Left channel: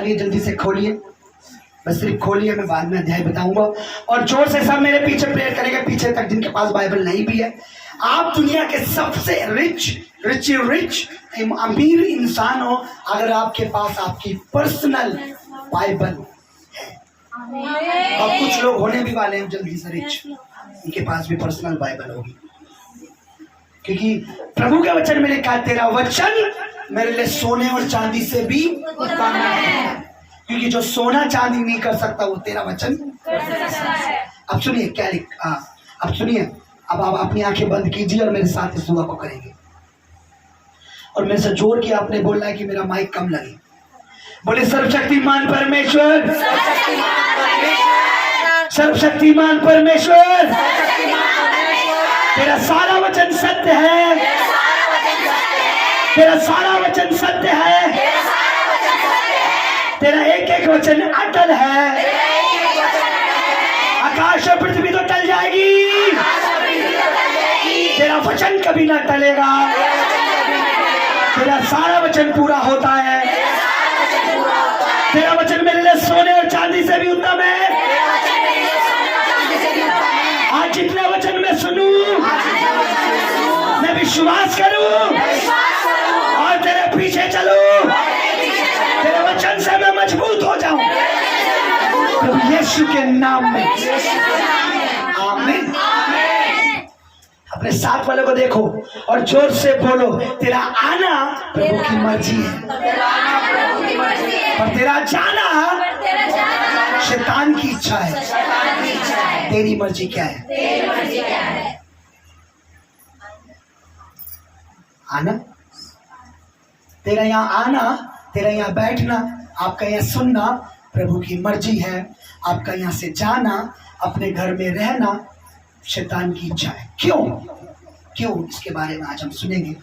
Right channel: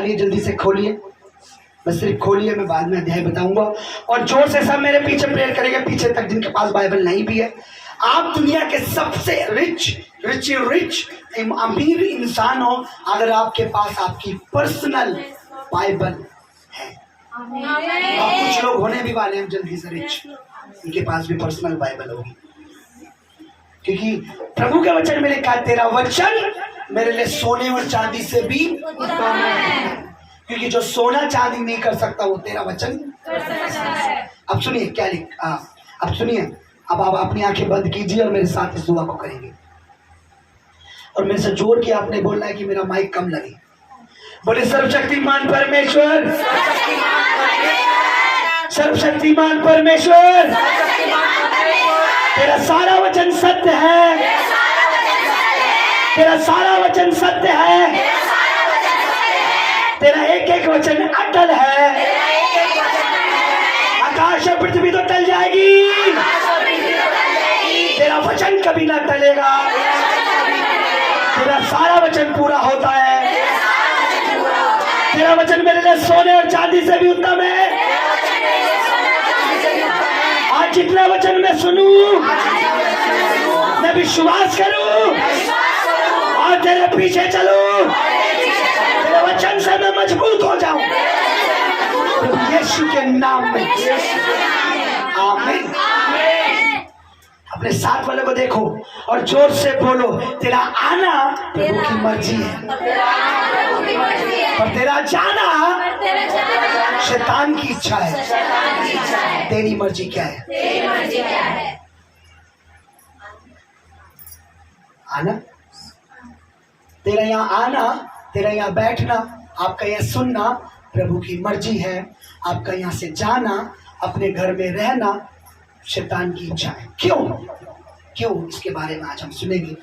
निकालिए, जल्दी से खोलिए, बस सिर्फ खोलिए, मैं बाद में अध्याय बताऊंगा। और जोर से सब मेरे पीछे प्रेयर करेंगे, पीछे तक जिनके पास बाइबल नहीं भी है। आप दुनिया के सबसे रिच अमीर इंसान हो अगर आपके पास आपकी पर्सनल बाइबल है। और कुछ लोग होने भी वाले हैं जल्दी से रिच, उनके पास भी पर्सनल बाइबल होगी, क्योंकि प्रभु के वचन में लिखा है, तेरा वचन मेरे लिए सोने और चांदी से भी उत्तम है। क्योंकि जो सोना चांदी नहीं कर सकता वो तेरा वचन कर सकता है। अब सुनिए क्या अब सुनिए, अब आप अपनी आंखें बंद कीजिए और मेरे साथ इस दुआ को करेंगे। और मेरे से जोर के आपने बोलना है कि मेरा माइक कम लगे। बोले सर्वशक्तिमान परमेश्वर, सर्वशक्तिमान परमेश्वर, तेरा सारा वचन सत्य है, तेरा सारा वचन सत्य है, तेरा एक एक वचन अटल है। आकाश और पृथ्वी तो टल जाएगी, तेरा वचन कभी ना टलेगा। तेरा सारा वचन पूरा होता है। तेरा वचन मेरे लिए सोने और चांदी से भी उत्तम है। आज जितना वचन मैं सुनूं, मैं विश्वास करूं और तेरे पीछे चलूं, तेरे वचन से मैं मजबूत हो जाऊं, प्रभु यीशु के नाम में, आमीन। अपने साथ वाले को देखो और जोर से बोलो, तेरा आना प्रभु की मर्जी है और तेरा जाना शैतान की इच्छा है। तेरी मर्जी क्या है? आना, तेरा यहाँ आना, तेरा यहाँ बैठना, आपका यहाँ सुनना प्रभु की मर्जी है। आपका यहाँ से जाना, अपने घर में रहना शैतान की इच्छा है। क्यों इसके बारे में आज हम सुनेंगे।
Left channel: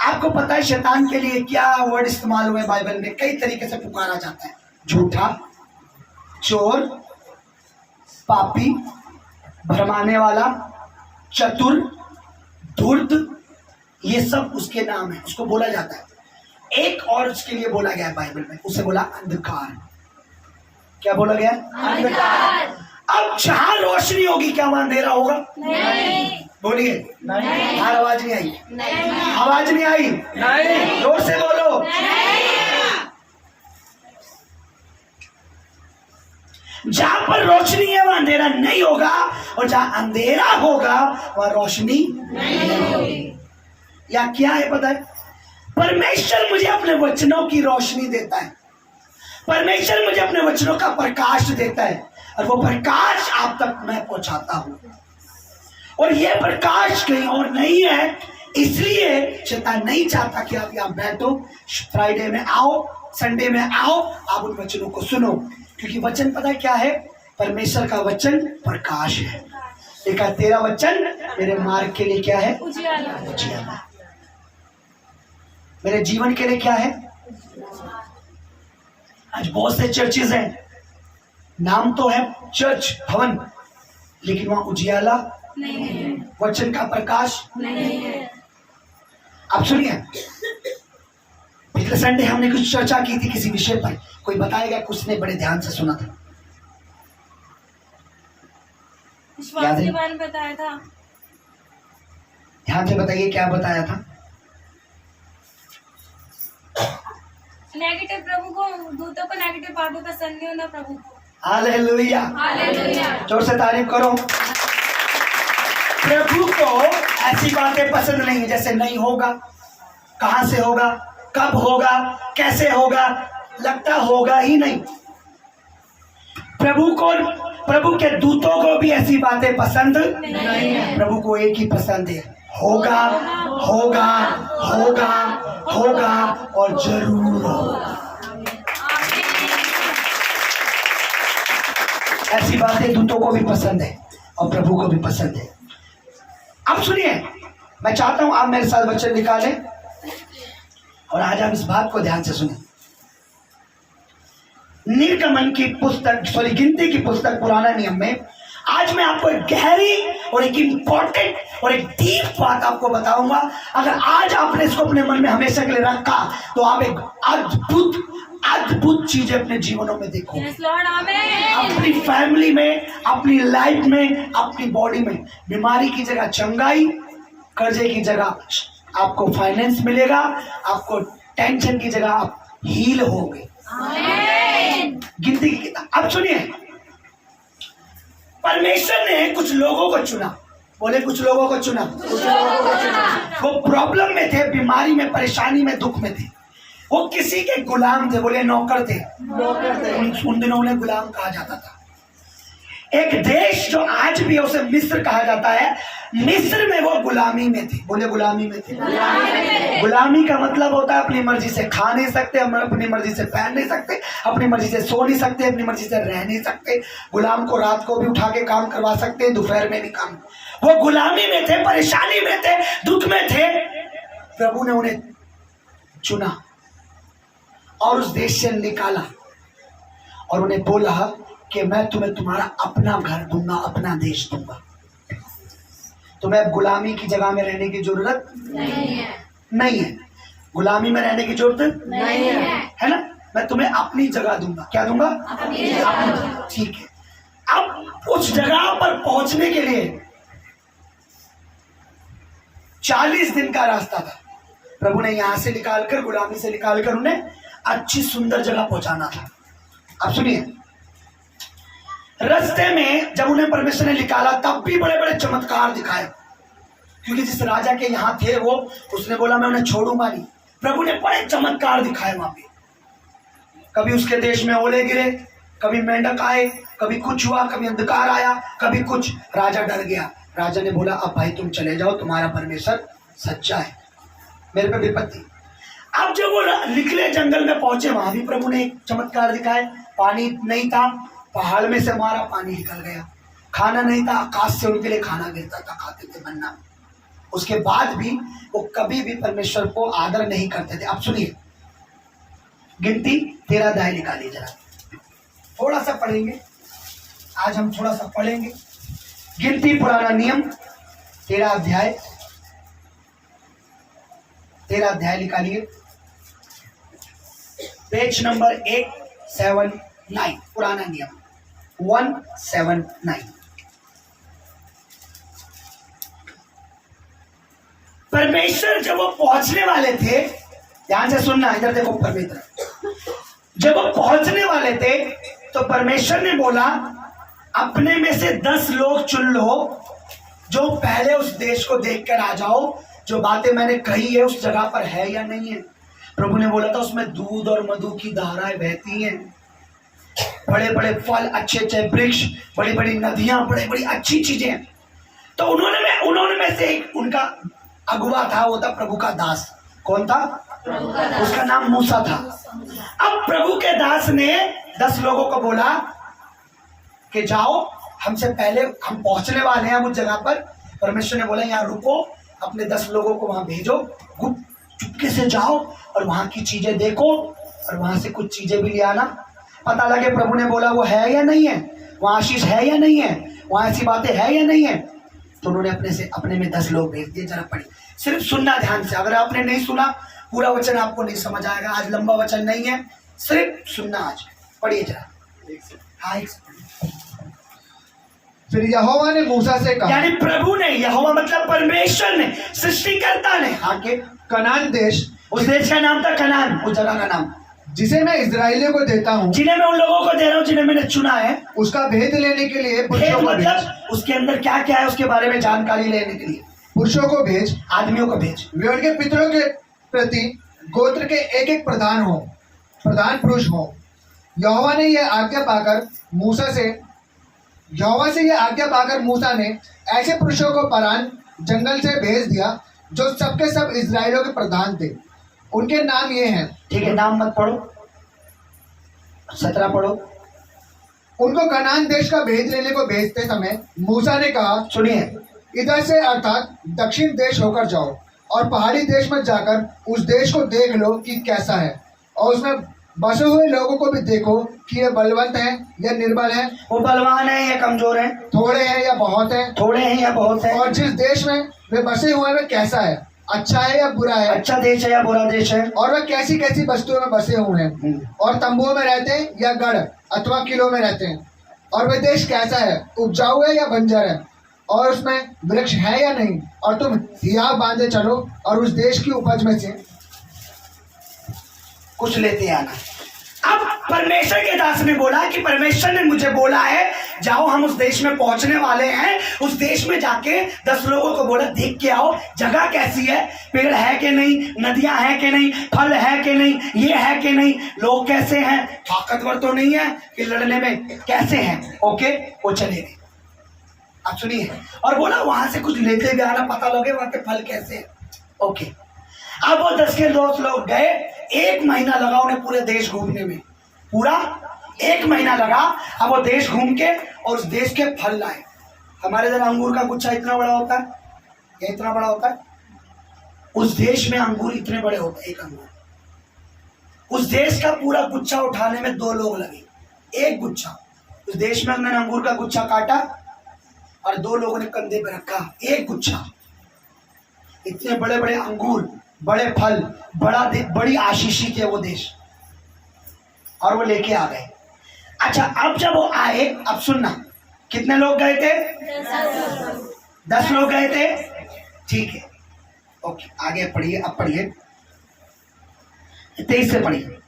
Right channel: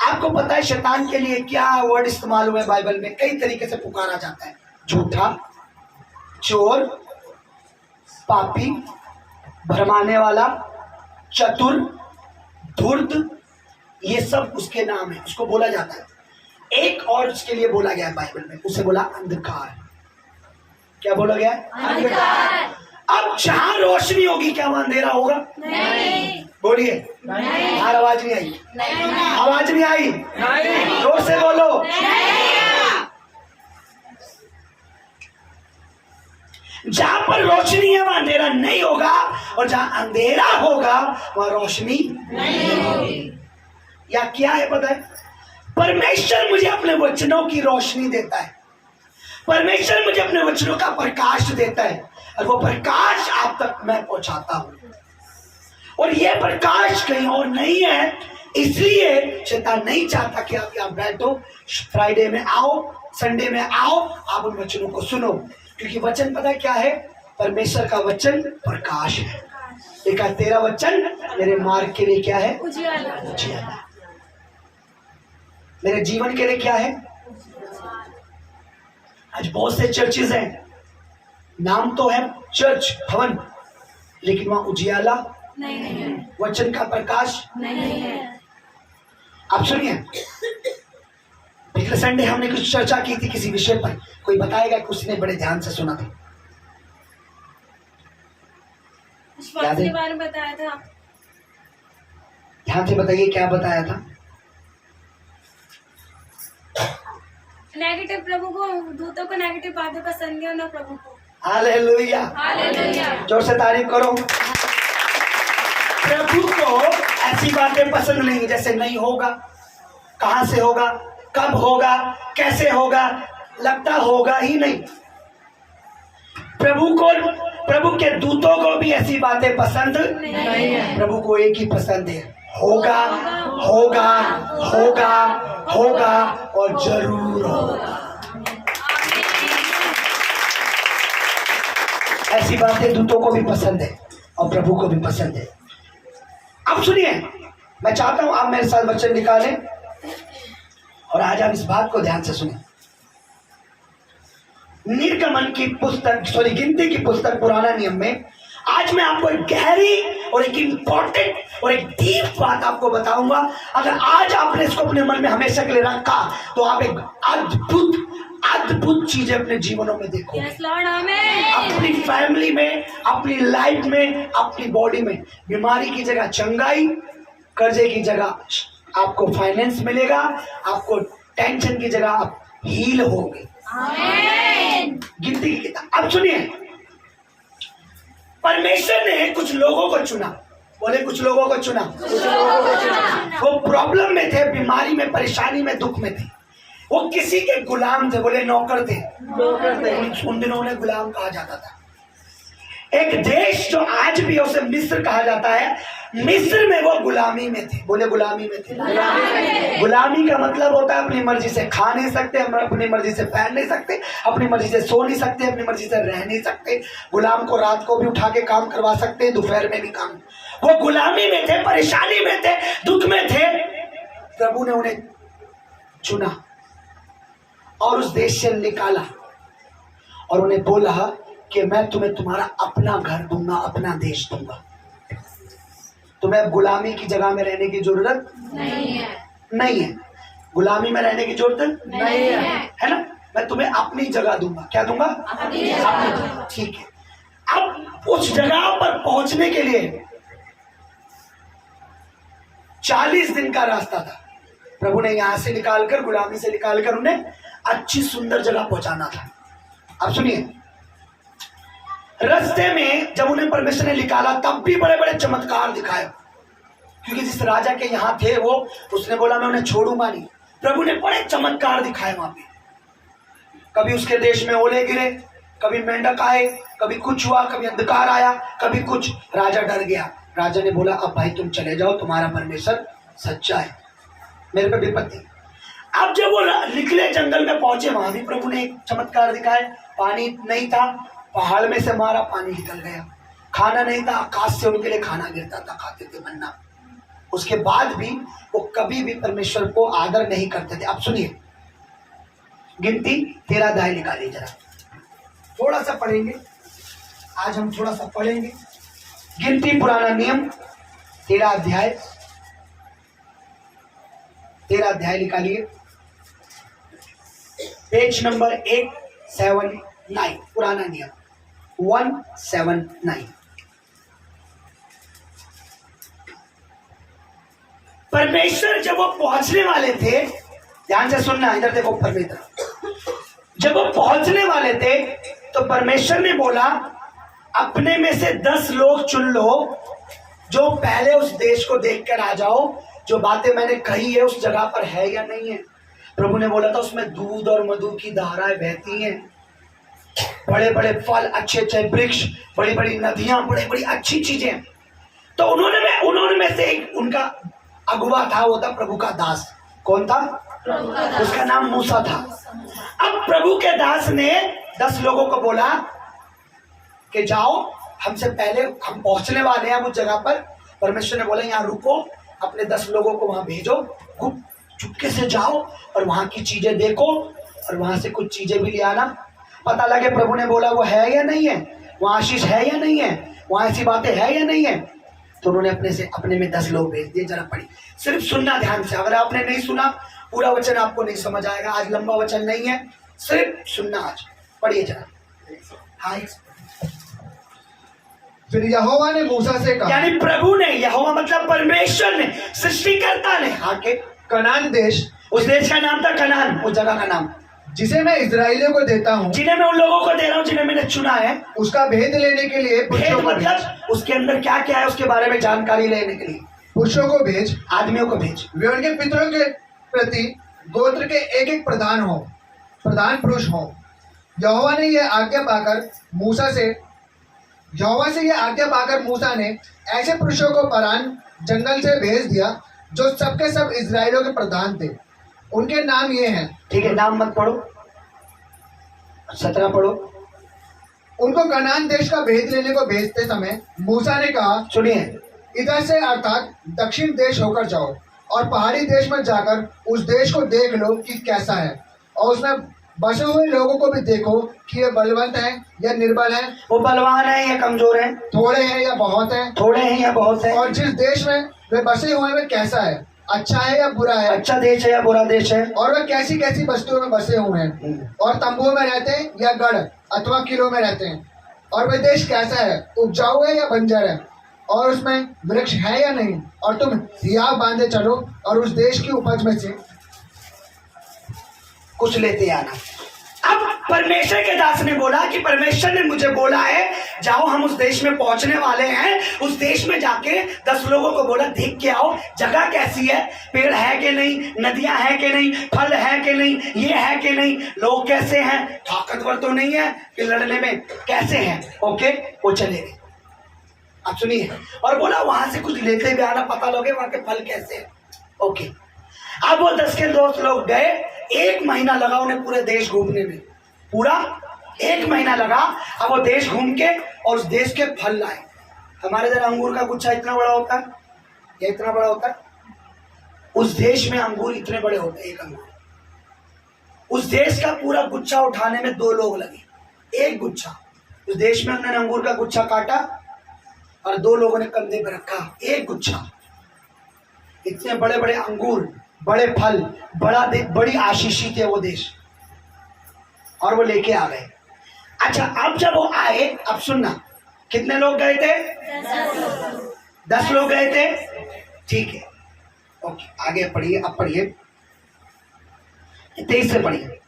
आपको पता है शैतान के लिए क्या वर्ड इस्तेमाल हुए बाइबल में? कई तरीके से पुकारा जाता है। झूठा, चोर, पापी, भरमाने वाला, चतुर, धूर्त, ये सब उसके नाम है, उसको बोला जाता है। एक और उसके लिए बोला गया है बाइबल में, उसे बोला अंधकार। क्या बोला गया? अंधकार। अब जहां रोशनी होगी क्या वहां अंधेरा होगा? नहीं। बोलिए। नहीं। आवाज नहीं आई? नहीं। आवाज नहीं आई? नहीं। जोर से बोलो। नहीं। जहां पर रोशनी है वहां अंधेरा नहीं होगा, और जहां अंधेरा होगा वहां रोशनी नहीं होगी। या क्या है पता है? परमेश्वर मुझे अपने वचनों की रोशनी देता है। परमेश्वर मुझे अपने वचनों का प्रकाश देता है, और वो प्रकाश आप तक मैं पहुंचाता हूं। और ये प्रकाश कहीं और नहीं है, इसलिए शैतान नहीं चाहता कि आप यहाँ बैठो, फ्राइडे में आओ, संडे में आओ, आप उन वचनों को सुनो। क्योंकि वचन पता है क्या है? परमेश्वर का वचन प्रकाश है। देखा, तेरा वचन मेरे मार्ग के लिए क्या है? उजियाला। मेरे जीवन के लिए क्या है? आज बहुत से चर्चेज हैं, नाम तो है चर्च भवन, लेकिन वहां उजियाला नहीं है, वचन का प्रकाश नहीं है। आप सुनिए, पिछले संडे हमने कुछ चर्चा की थी किसी विषय पर। कोई बताएगा? कुछ ने बड़े ध्यान से सुना था? विश्वास के बारे में बताया था। ध्यान से बताइए, क्या बताया था? नेगेटिव, प्रभु को, दूतों को नेगेटिव बातें पसंद नहीं होना प्रभु को। हालेलुया, जोर से तारीफ करो। प्रभु को ऐसी बातें पसंद नहीं है जैसे नहीं होगा, कहां से होगा, कब होगा, कैसे होगा, लगता होगा ही नहीं। प्रभु के दूतों को भी ऐसी बातें पसंद नहीं है। प्रभु को एक ही पसंद है, होगा होगा होगा होगा और जरूर होगा। ऐसी बातें दूतों को भी पसंद है और प्रभु को भी पसंद है। अब सुनिए, मैं चाहता हूं आप मेरे साथ वचन निकालें और आज आप इस बात को ध्यान से सुने। निर्गमन की पुस्तक, गिनती की पुस्तक पुराना नियम में आज मैं आपको एक गहरी और एक इंपॉर्टेंट और एक डीप बात आपको बताऊंगा। अगर आज आपने इसको अपने मन में हमेशा के लिए रखा तो आप एक अद्भुत अद्भुत चीजें अपने जीवनों में देखोगे। यस लॉर्ड, आमेन। अपनी फैमिली में, अपनी लाइफ में, अपनी बॉडी में। बीमारी की जगह चंगाई, कर्जे की जगह आपको फाइनेंस मिलेगा, आपको टेंशन की जगह आप हील होगे। आमेन। गिनती की किताब। अब सुनिए, परमेश्वर ने कुछ लोगों को चुना। बोले कुछ लोगों को चुना। वो प्रॉब्लम में थे, बीमारी में, परेशानी में, दुख में थे। वो किसी के गुलाम थे। बोले नौकर थे। उन दिनों उन्हें गुलाम कहा जाता था। एक देश जो आज भी है उसे मिस्र कहा जाता है, मिस्र में वो गुलामी में थे। बोले गुलामी में थे। गुलामी का मतलब होता है अपनी मर्जी से खा नहीं सकते, हम अपनी मर्जी से पहन नहीं सकते, अपनी मर्जी से सो नहीं सकते, अपनी मर्जी से रह नहीं सकते। गुलाम को रात को भी उठा के काम करवा सकते हैं, दोपहर में भी काम। वो गुलामी में थे, परेशानी में थे, दुख में थे। प्रभु ने उन्हें चुना और उस देश से निकाला और उन्हें बोला कि मैं तुम्हें तुम्हारा अपना घर दूंगा, अपना देश दूंगा। तुम्हें अब गुलामी की जगह में रहने की जरूरत नहीं है। गुलामी में रहने की जरूरत नहीं है ना। मैं तुम्हें अपनी जगह दूंगा। क्या दूंगा? अपनी जगह। ठीक है। अब उस जगह पर पहुंचने के लिए 40 दिन का रास्ता था। प्रभु ने यहां से निकालकर, गुलामी से निकालकर उन्हें अच्छी सुंदर जगह पहुंचाना था। अब सुनिए, रास्ते में जब उन्हें परमेश्वर ने निकाला तब भी बड़े बड़े चमत्कार दिखाए, क्योंकि जिस राजा के यहां थे वो, उसने बोला मैं उन्हें छोड़ूंगा नहीं। प्रभु ने बड़े चमत्कार दिखाए वहां पे। कभी उसके देश में ओले गिरे, कभी मेंढक आए, कभी कुछ हुआ, कभी अंधकार आया, कभी कुछ। राजा डर गया। राजा ने बोला अब भाई तुम चले जाओ, तुम्हारा परमेश्वर सच्चा है, मेरे पे विपत्ति। अब जब वो निकले, जंगल में पहुंचे, वहां भी प्रभु ने एक चमत्कार दिखाए। पानी नहीं था, पहाड़ में से मारा, पानी निकल गया। खाना नहीं था, आकाश से उनके लिए खाना गिरता था, खाते थे मन्ना। उसके बाद भी वो कभी भी परमेश्वर को आदर नहीं करते थे। अब सुनिए, गिनती 13 अध्याय निकालिए जरा, थोड़ा सा पढ़ेंगे आज हम, थोड़ा सा पढ़ेंगे। गिनती पुराना नियम 13 अध्याय निकालिए, पेज नंबर 179, पुराना नियम 179। परमेश्वर जब वो पहुंचने वाले थे, ध्यान से सुनना, इधर देखो ऊपर में तरफ। जब वो पहुंचने वाले थे तो परमेश्वर ने बोला अपने में से 10 लोग चुन लो जो पहले उस देश को देखकर आ जाओ, जो बातें मैंने कही है उस जगह पर है या नहीं है। प्रभु ने बोला था उसमें दूध और मधु की धाराएं बहती हैं, बड़े बड़े फल, अच्छे अच्छे वृक्ष, बड़ी बड़ी नदियां, बड़ी बड़ी अच्छी चीजें। तो उन्होंने में से एक उनका अगुवा था, वो था प्रभु का दास। कौन था? उसका नाम मूसा था। अब प्रभु के दास ने 10 लोगों को बोला कि जाओ, हमसे पहले हम पहुंचने वाले हैं उस जगह पर। परमेश्वर ने बोला यहाँ रुको, अपने 10 लोगों को वहां भेजो, गुप्त चुपके से जाओ और वहां की चीजें देखो और वहां से कुछ चीजें भी ले आना। पता लगे प्रभु ने बोला वो है या नहीं है, वहां आशीष है या नहीं है, वहां ऐसी बातें है या नहीं है। तो उन्होंने अपने में 10 लोग भेज दिए। जरा पढ़िए, सिर्फ सुनना ध्यान से। अगर आपने नहीं सुना, पूरा वचन आपको नहीं समझ आएगा। आज लंबा वचन नहीं है, सिर्फ सुनना। आज पढ़िए जरा। हाँ, फिर यहोवा ने मूसा से कहा, यानी प्रभु ने, यहोवा मतलब परमेश्वर ने, सृष्टिकर्ता ने, आके कनान देश, उस देश का नाम था कनान, उस जगह का नाम, जिसे मैं इजराइलियों को देता हूँ, जिन्हें मैं उन लोगों को दे रहा हूँ जिन्हें मैंने चुना है। उसका भेद लेने के लिए पुरुषों को भेज, मतलब उसके अंदर क्या क्या है उसके बारे में जानकारी लेने के लिए पुरुषों को भेज, आदमियों को भेज। वे उनके पितरों के प्रति गोत्र के एक प्रधान पुरुष हो। यहोवा से यह आज्ञा पाकर मूसा ने ऐसे पुरुषों को परान जंगल से भेज दिया जो सबके सब इजराइलियों के प्रधान थे। उनके नाम ये हैं। ठीक है, नाम मत पढ़ो, 17 पढ़ो। उनको कनान देश का भेद लेने को भेजते समय मूसा ने कहा, सुनिए, इधर से अर्थात दक्षिण देश होकर जाओ और पहाड़ी देश में जाकर उस देश को देख लो कि कैसा है, और उसमें बसे हुए लोगों को भी देखो कि ये बलवंत हैं या निर्बल हैं, वो बलवान है या कमजोर है, थोड़े हैं या बहुत हैं, थोड़े हैं या बहुत है, और जिस देश में वे बसे हुए हैं वे कैसा है, अच्छा है या बुरा है, अच्छा देश है या बुरा देश है। और वे कैसी कैसी वस्तुओं में बसे हुए हैं, और तंबुओं में रहते हैं या गढ़ अथवा किलों में रहते हैं, और वे देश कैसा है, उपजाऊ है या बंजर है, और उसमें वृक्ष है या नहीं, और तुम हियाव बांधे चलो और उस देश की उपज में से कुछ लेते आना। अब परमेश्वर के दास ने बोला कि परमेश्वर ने मुझे बोला है जाओ, हम उस देश में पहुंचने वाले हैं। उस देश में जाके 10 लोगों को बोला देख के आओ जगह कैसी है, पेड़ है कि नहीं, नदियां हैं कि नहीं, फल है कि नहीं, ये है कि नहीं, लोग कैसे हैं, ताकतवर तो नहीं है कि लड़ने में, कैसे हैं। ओके, वो चले गए। अब सुनिए, और बोला वहां से कुछ लेते भी आना, पता लोगे वहां के फल कैसे हैं। ओके, अब वो 10 के दोस्त लोग गए। 1 महीना लगा उन्हें पूरे देश घूमने में, पूरा 1 महीना लगा। अब वो देश घूम के और उस देश के फल लाए। हमारे इधर अंगूर का गुच्छा इतना बड़ा होता है, या इतना बड़ा होता है, उस देश में अंगूर इतने बड़े होते हैं, एक अंगूर। उस देश का पूरा गुच्छा उठाने में 2 लोग लगे, एक गुच्छा। उस देश में उन्होंने अंगूर का गुच्छा काटा और 2 लोगों ने कंधे पे रखा, एक गुच्छा। इतने बड़े बड़े अंगूर, बड़े फल, बड़ी आशीषित है वो देश, और वो लेके आ गए। अच्छा, अब जब वो आए, अब सुनना, कितने लोग गए थे? 10 लोग गए थे, ठीक है। ओके, आगे पढ़िए, अब पढ़िए 23 से पढ़िए।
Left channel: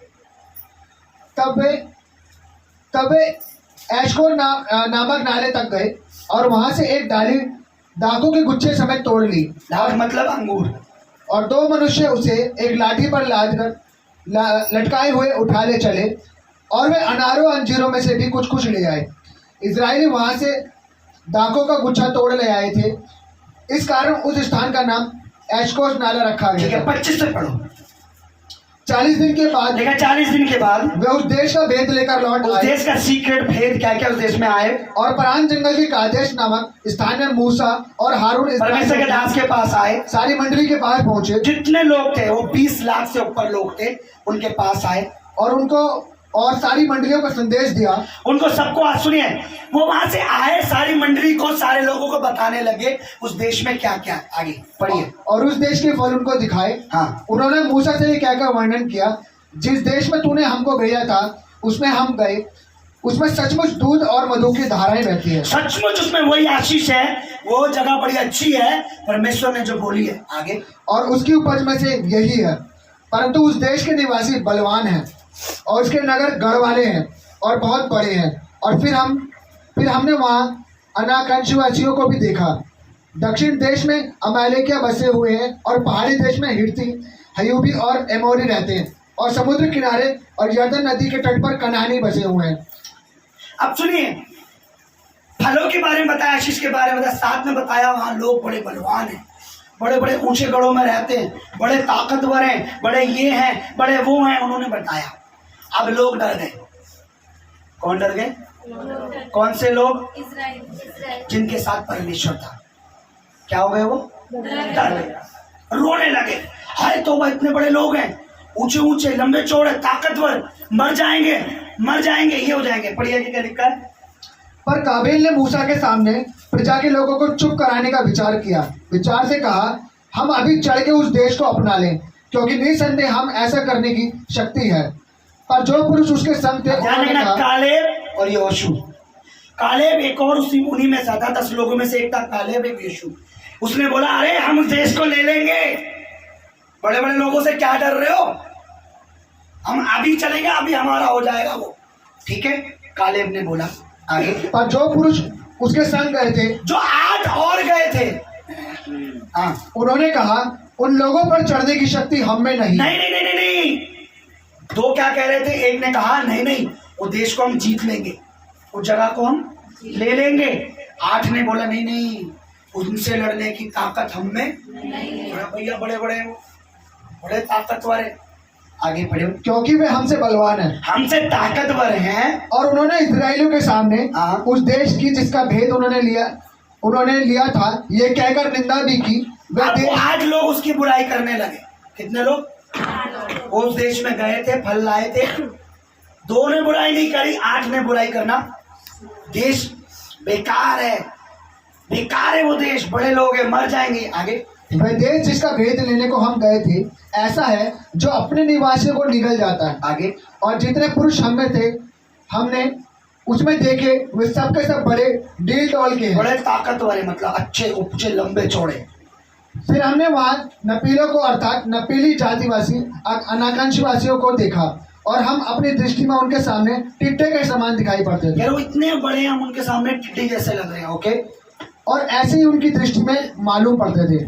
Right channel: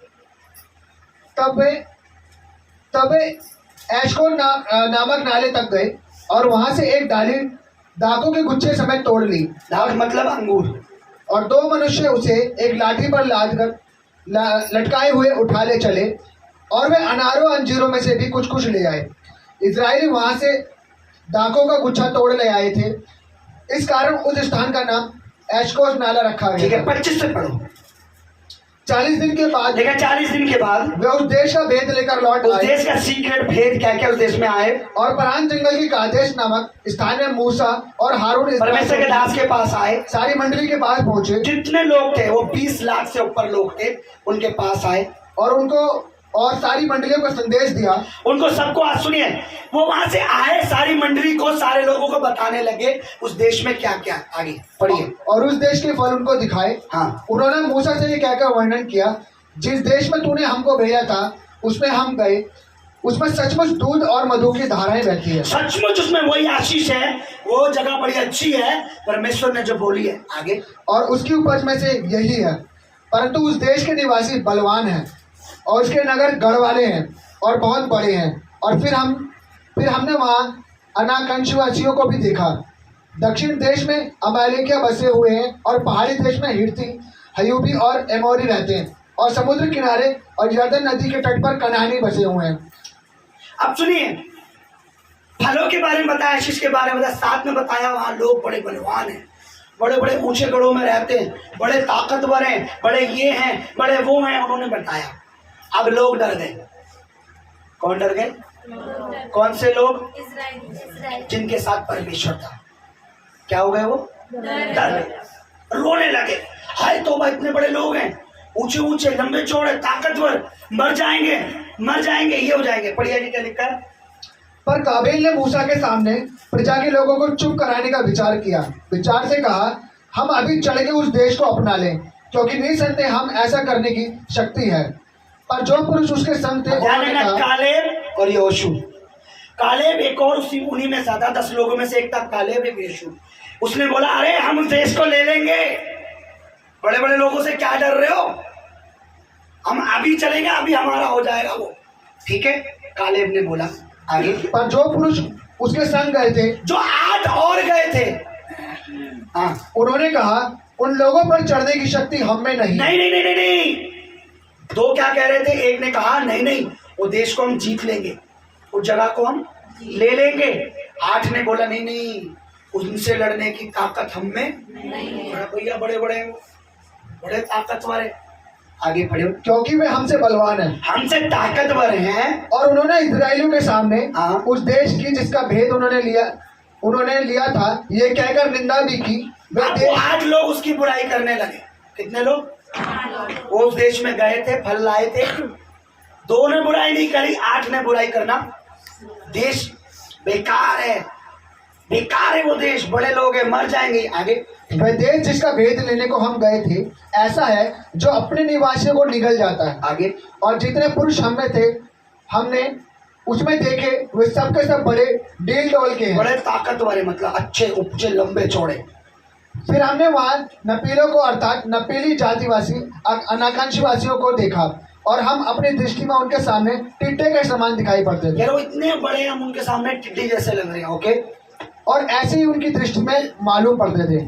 तब वे एशकोल नामक नाले तक गए और वहां से एक डाली दाखों के गुच्छे समेत तोड़ ली। दाख मतलब अंगूर। और 2 मनुष्य उसे एक लाठी पर लाद कर लटकाए हुए उठा ले चले, और वे अनारों अंजीरों में से भी कुछ कुछ ले आए। इजराइली वहां से दाखों का गुच्छा तोड़ ले आए थे, इस कारण उस स्थान का नाम एशकोल नाला रखा ठीक गया। है, 25 से पढ़ो। 40 दिन के बाद देखा, 40 दिन के बाद वे उस देश का भेद लेकर लौट उस आए, देश का सीक्रेट भेद क्या क्या उस देश में आए, और परान जंगल की कादेश नामक स्थान में मूसा और हारून इस परमेश्वर के दास के पास आए। सारी मंडली के पास पहुंचे, जितने लोग थे वो 20 लाख से ऊपर लोग थे, उनके पास आए और उनको और सारी मंडलियों को संदेश दिया। उनको सबको, आज सुनिए, वो वहां से आए, सारी मंडली को, सारे लोगों को बताने लगे उस देश में क्या क्या। आगे पढ़िए। और उस देश के फल उनको दिखाए। हाँ, उन्होंने मूसा से ये कहकर वर्णन किया, जिस देश में तूने हमको भेजा था उसमें हम गए, उसमें सचमुच दूध और मधु की धाराएं बहती है। सचमुच उसमें वही आशीष है, वो जगह बड़ी अच्छी है, परमेश्वर ने जो बोली है। आगे, और उसकी उपज में से यही है, परंतु उस देश के निवासी बलवान हैं और उसके नगर गढ़ वाले हैं और बहुत बड़े हैं। और फिर हमने वहाँ अनाकंशवासियों को भी देखा। दक्षिण देश में अमालेकिया बसे हुए हैं, और पहाड़ी देश में हिर्ती, हयूबी और एमोरी रहते हैं, और समुद्र किनारे और यरदन नदी के तट पर कनानी बसे हुए हैं। अब सुनिए, फलों के बारे में बताया, आशीष के बारे में बताया, साथ में बताया वहाँ लोग बड़े बलवान हैं, बड़े बड़े ऊंचे गढ़ों में रहते हैं, बड़े ताकतवर हैं, बड़े ये हैं, बड़े वो हैं, उन्होंने बताया। अब लोग डर गए। कौन डर गए? कौन से लोग? जिनके साथ परमेश्वर था। क्या हो गए वो? डर गए, रोने लगे। हाय तौबा, इतने बड़े लोग हैं, ऊंचे ऊंचे, लंबे चौड़े, ताकतवर, मर जाएंगे, ये हो जाएंगे। पढ़िए कि क्या लिखा है। पर काबिल ने मूसा के सामने प्रजा के लोगों को चुप कराने का विचार किया। विचार से कहा, हम अभी चढ़ के उस देश को अपना लें, क्योंकि निसंदेह हम ऐसा करने की शक्ति है। पर जो पुरुष उसके संग थे उन्होंने कहा, कालेब और यहोशू। कालेब एक और उन्हीं में था, 10 लोगों में से एक था कालेब, एक यहोशू। उसने बोला, अरे हम उस देश को ले लेंगे, बड़े बड़े लोगों से क्या डर रहे हो, हम अभी चलेंगे, अभी हमारा हो जाएगा वो। ठीक है, कालेब ने बोला। आगे, पर जो पुरुष उसके संग गए थे, जो 8 और गए थे, हाँ, उन्होंने कहा, उन लोगों पर चढ़ने की शक्ति हम में नहीं। नहीं। 2 क्या कह रहे थे? एक ने कहा नहीं, वो देश को हम जीत लेंगे, उस जगह को हम ले लेंगे। 8 ने बोला नहीं, उनसे लड़ने की ताकत हम में नहीं। भैया बड़े बड़े ताकतवर है। आगे पढ़ो। क्योंकि वे हमसे बलवान हैं, हमसे ताकतवर हैं। और उन्होंने इजराइलियों के सामने उस देश की जिसका भेद उन्होंने लिया था, ये कहकर निंदा भी की। आज लोग उसकी बुराई करने लगे। कितने लोग? वो उस देश में गए थे, फल लाए थे, 2 ने बुराई नहीं करी, 8 ने बुराई करना। देश बेकार है, बेकार है वो देश, बड़े लोग हैं, मर जाएंगे। आगे, वह देश जिसका भेद लेने को हम गए थे ऐसा है जो अपने निवासियों को निगल जाता है। आगे, और जितने पुरुष हम में थे हमने उसमें देखे वे सब के सब बड़े डील डॉल के हैं। बड़े ताकतवर है, मतलब अच्छे उपचे लंबे चौड़े। फिर हमने वहाँ नपीलों को अर्थात नपीली जातिवासी अनाकांक्षीवासियों को देखा और हम अपनी दृष्टि में उनके सामने टिड्डे के समान दिखाई पड़ते थे। यार वो इतने बड़े हैं, हम उनके सामने टिड्डी जैसे लग रहे हैं। ओके, और ऐसे ही उनकी दृष्टि में मालूम पड़ते थे।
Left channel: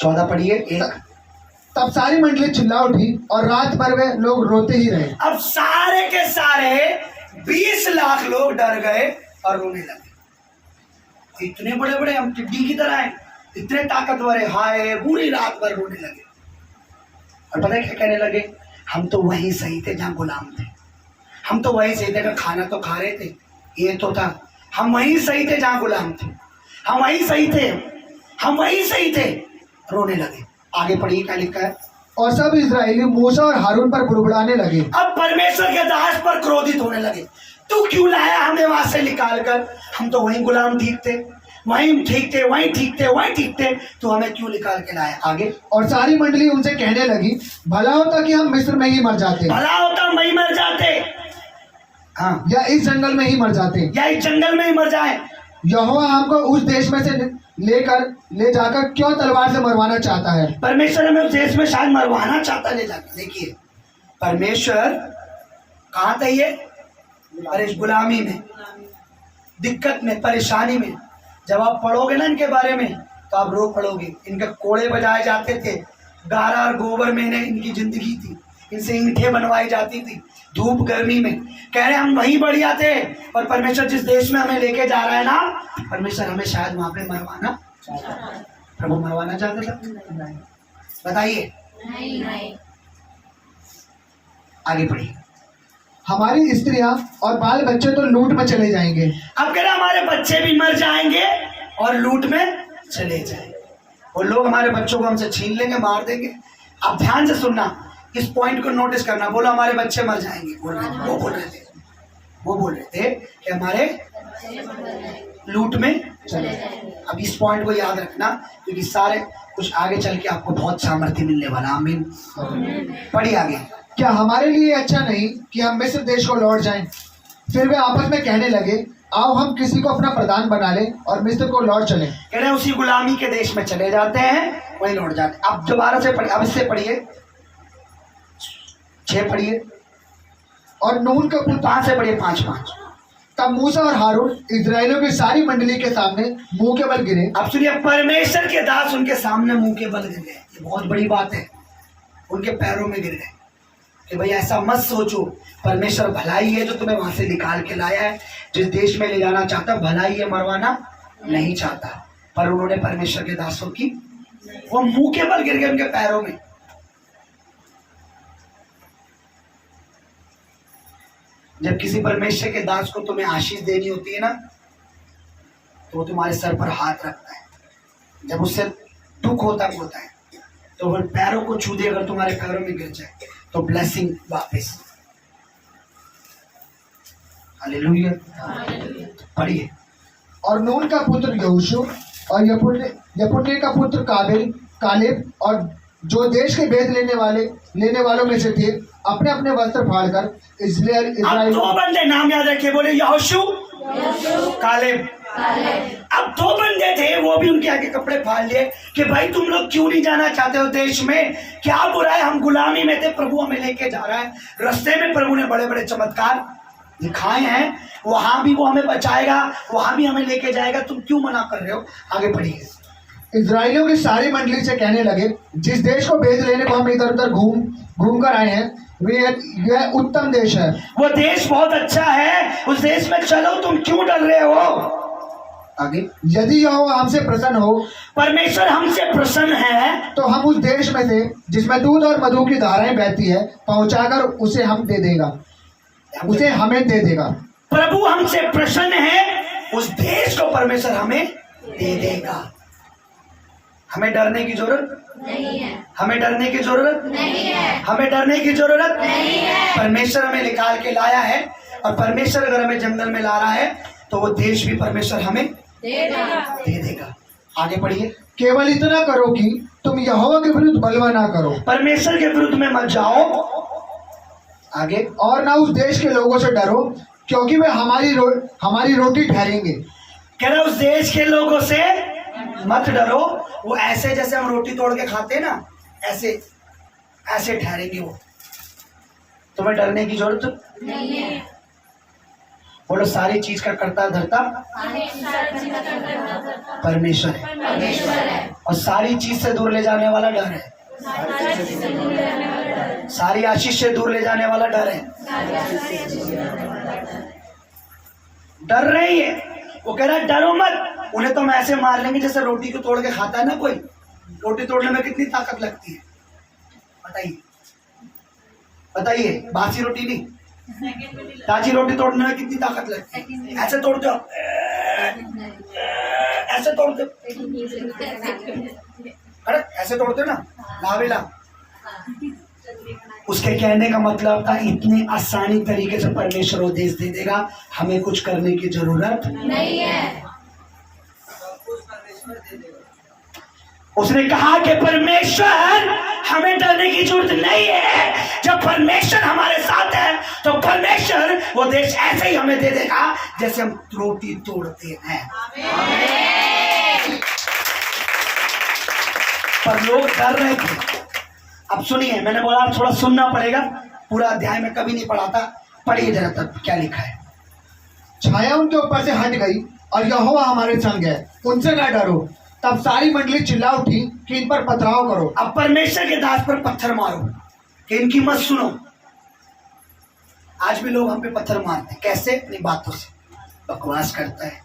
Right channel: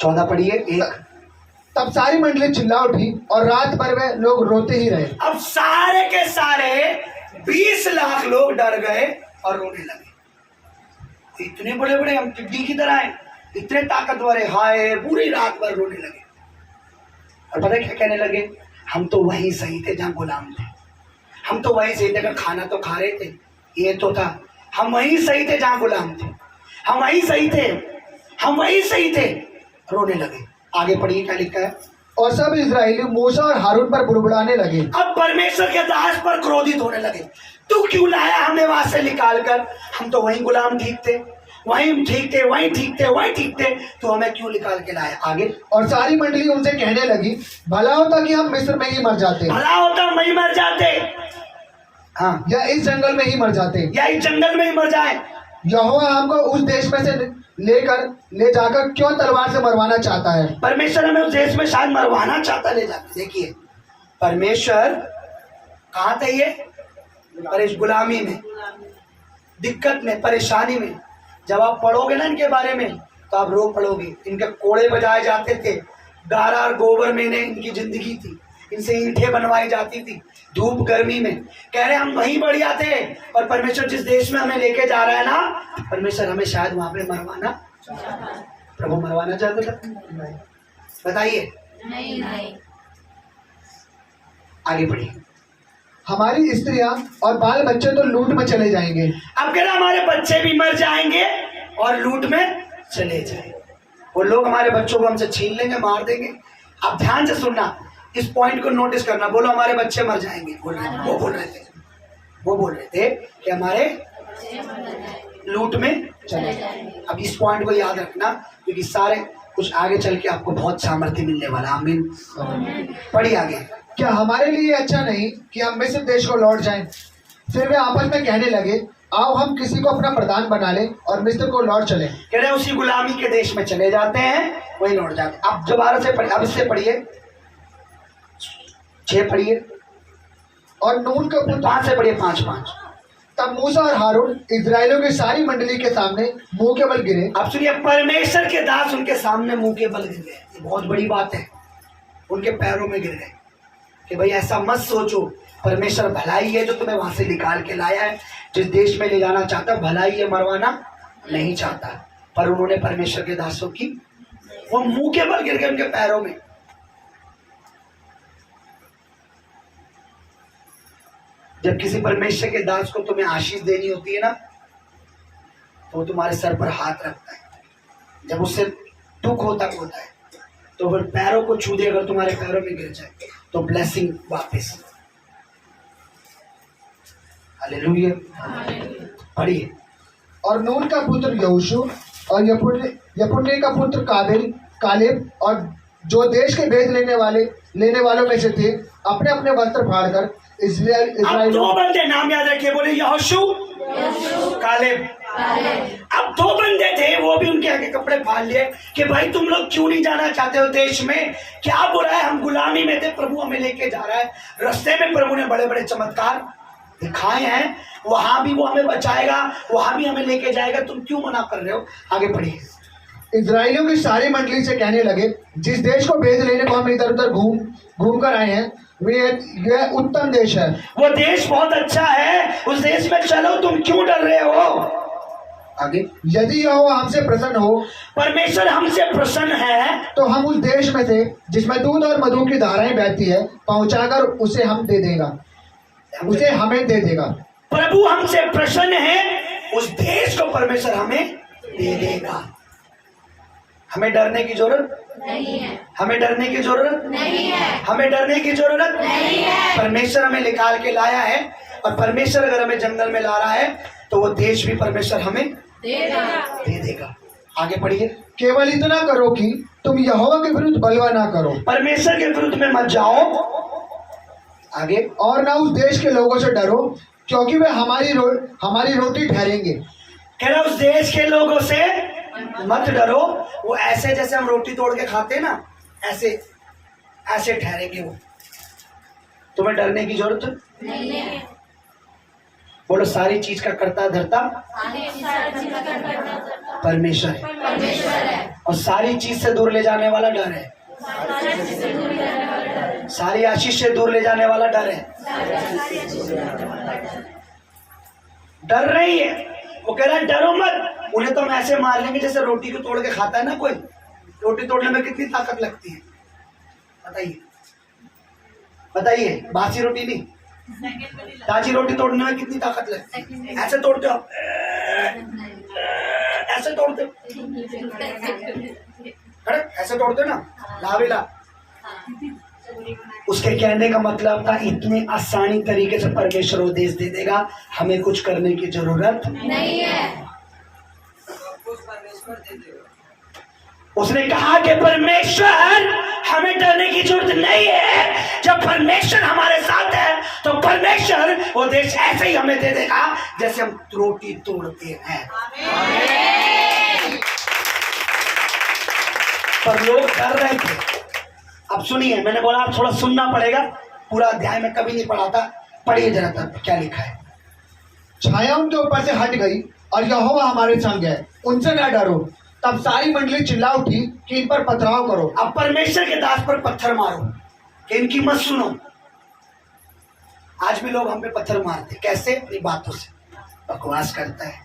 14 पढ़िए। 1, तब सारी मंडली चिल्ला उठी और रात भर वे लोग रोते ही रहे। अब सारे के सारे 20 लाख लोग डर गए और रोने लगे। इतने बड़े बड़े, हम टिड्डी की तरह हैं, इतने ताकतवर है, हाय, पूरी रात भर रोने लगे। और पता है क्या कहने लगे? हम तो वहीं सही थे जहां गुलाम थे, हम तो वहीं सही थे, अगर खाना तो खा रहे थे, ये तो था, हम वहीं सही थे जहां गुलाम थे, हम वहीं सही थे, हम वहीं सही थे। रोने लगे। आगे पढ़िए क्या लिखा है। और सब इजरायली मूसा और हारून पर बुड़बुड़ाने लगे। अब परमेश्वर के दास पर क्रोधित होने लगे। तू क्यों लाया हमें वहां से निकाल कर? हम तो वहीं गुलाम ठीक थे, वहीं ठीक थे, वहीं ठीक थे, वहीं ठीक थे, तो हमें क्यों निकाल के लाया? आगे, और सारी मंडली उनसे कहने लगी, भला होता कि हम मिस्र में ही मर जाते भला होता हम वहीं मर जाते, हाँ, या इस जंगल में ही मर जाते। या इस जंगल में ही मर जाए। यहोवा हमको उस देश में से ले जाकर क्यों तलवार से मरवाना चाहता है? परमेश्वर हमें उस देश में शायद मरवाना चाहता ले जाकर। देखिए, परमेश्वर कहाँ था? ये गुलामी में, दिक्कत में, परेशानी में। जब आप पढ़ोगे ना इनके बारे में तो आप रो पड़ोगे। इनके कोड़े बजाए जाते थे, गारा और गोबर में इनकी जिंदगी थी, इनसे ईंटें बनवाई जाती थी, धूप गर्मी में। कह रहे हम वहीं बढ़िया थे, और परमेश्वर जिस देश में हमें लेके जा रहा है ना, परमेश्वर हमें शायद वहां पे मरवाना, प्रभु मरवाना चाहता था। बताइए, नहीं। आगे पढ़िए। हमारी स्त्रियां और बाल बच्चे तो लूट में चले जाएंगे। अब कह रहा हमारे बच्चे भी मर जाएंगे और लूट में चले जाएंगे। वो लोग हमारे बच्चों को हमसे छीन लेंगे, मार देंगे। अब ध्यान से सुनना, इस पॉइंट को नोटिस करना। बोलो हमारे बच्चे मर जाएंगे। वो बोल रहे थे कि हमारे लूट में चले जाएंगे। अब इस पॉइंट को याद रखना, क्योंकि सारे कुछ आगे चल के आपको बहुत सामर्थ्य मिलने वाला। आमीन। पढ़िए आगे। क्या हमारे लिए अच्छा नहीं कि हम मिस्र देश को लौट जाएं? फिर वे आपस में कहने लगे, आओ हम किसी को अपना प्रधान बना लें और मिस्र को लौट चले। कह रहे उसी गुलामी के देश में चले जाते हैं, वहीं लौट जाते हैं। अब दोबारा से पढ़िए, अब इससे पढ़िए, 6 पढ़िए, और नून का पुत्र 5 से पढ़िए, 5। तब मूसा और हारून इजरायलियों की सारी मंडली के सामने मुंह के बल गिरे। अब सुनिए, परमेश्वर के दास उनके सामने मुंह के बल गिर गए। ये बहुत बड़ी बात है, उनके पैरों में गिर गए कि भाई ऐसा मत सोचो, परमेश्वर भलाई है जो तुम्हें वहां से निकाल के लाया है, जिस देश में ले जाना चाहता है, भलाई है, मरवाना नहीं चाहता। पर उन्होंने परमेश्वर के दासों की, वो मुंह के बल गिर गए उनके पैरों में। जब किसी परमेश्वर के दास को तुम्हें आशीष देनी होती है ना, तो वो तुम्हारे सर पर हाथ रखता है। जब उससे दुख होता है तो फिर पैरों को छू दे, अगर तुम्हारे पैरों में गिर जाए तो ब्लेसिंग वापस। हालेलुया। पढ़िए। और नून का पुत्र यहोशू और यपुन्ने का पुत्र कालेब और जो देश के भेद लेने वालों में से थे, अपने अपने वस्त्र फाड़कर अब 2 बंदे नाम याद रखिए, बोले यहोशू, कालेब। अब 2 बंदे थे, वो भी उनके आगे कपड़े फाड़ लिए कि भाई तुम लोग क्यों नहीं जाना चाहते हो देश में? क्या बुरा है? हम गुलामी में थे, प्रभु हमें लेके जा रहा है। रास्ते में प्रभु ने बड़े बड़े चमत्कार दिखाए हैं, वहां भी वो हमें बचाएगा, वहां भी हमें लेके जाएगा, तुम क्यों मना कर रहे हो? आगे पढ़िए। इजरायलियों की सारी मंडली से कहने लगे, जिस देश को भेद लेने को हम इधर उधर घूम कर आए हैं, यह उत्तम देश है, वो देश बहुत अच्छा है, उस देश में चलो, तुम क्यों डर रहे हो? आगे। यदि यहोवा हमसे प्रसन्न हो, परमेश्वर हमसे प्रसन्न है, तो हम उस देश में से जिसमें दूध और मधु की धाराएं बहती है पहुंचाकर उसे हमें दे देगा। प्रभु हमसे प्रसन्न है, उस देश को परमेश्वर हमें दे देगा। हमें डरने की जरूरत नहीं है, हमें डरने की जरूरत नहीं है, हमें डरने की जरूरत नहीं है। परमेश्वर हमें निकाल के लाया है, और परमेश्वर अगर हमें जंगल में ला रहा है तो वो देश भी परमेश्वर हमें देगा। दे देगा। आगे पढ़िए। केवल इतना करो कि तुम यहोवा के विरुद्ध बलवा ना करो परमेश्वर के विरुद्ध में मत जाओ। आगे। और ना उस देश के लोगों से डरो, क्योंकि वे हमारी रोटी ठहरेंगे। कह रहा उस देश के लोगों से मत डरो, वो ऐसे जैसे हम रोटी तोड़ के खाते हैं ना, ऐसे ऐसे ठहरेंगे वो। तुम्हें डरने की जरूरत नहीं है। बोलो, सारी चीज का कर्ता धर्ता परमेश्वर है, परमेश्वर है। और सारी चीज से दूर ले जाने वाला डर है। सारी आशीष से दूर ले जाने वाला डर है। डर नहीं है। वो कह रहा है डरो मत, उन्हें तो हम ऐसे मार लेंगे जैसे रोटी को तोड़ के खाता है ना कोई। रोटी तोड़ने में कितनी ताकत लगती है बताइए, बताइए। बासी रोटी नहीं, ताजी रोटी तोड़ने में कितनी ताकत लगती है। ऐसे तोड़ते हो, ऐसे तोड़ते हो, अरे ऐसे तोड़ते हो ना, लावेला। उसके कहने का मतलब था इतनी आसानी तरीके से परमेश्वर वो देश दे देगा, हमें कुछ करने की जरूरत नहीं है। उसने कहा कि परमेश्वर हमें डरने की जरूरत नहीं है। जब परमेश्वर हमारे साथ है तो परमेश्वर वो देश ऐसे ही हमें दे देगा जैसे हम रोटी तोड़ते हैं। पर लोग डर रहे थे। अब सुनिए, मैंने बोला आप थोड़ा सुनना पड़ेगा, पूरा अध्याय में कभी नहीं पढ़ा था। पढ़िए जरा तब क्या लिखा है। छाया उनके ऊपर से हट गई और यहोवा हमारे संग है, उनसे न डरो। तब सारी मंडली चिल्ला उठी कि इन पर पथराव करो। अब परमेश्वर के दास पर पत्थर मारो कि इनकी मत सुनो। आज भी लोग हम पे पत्थर मारते, कैसे? अपनी बातों से। बकवास करता है,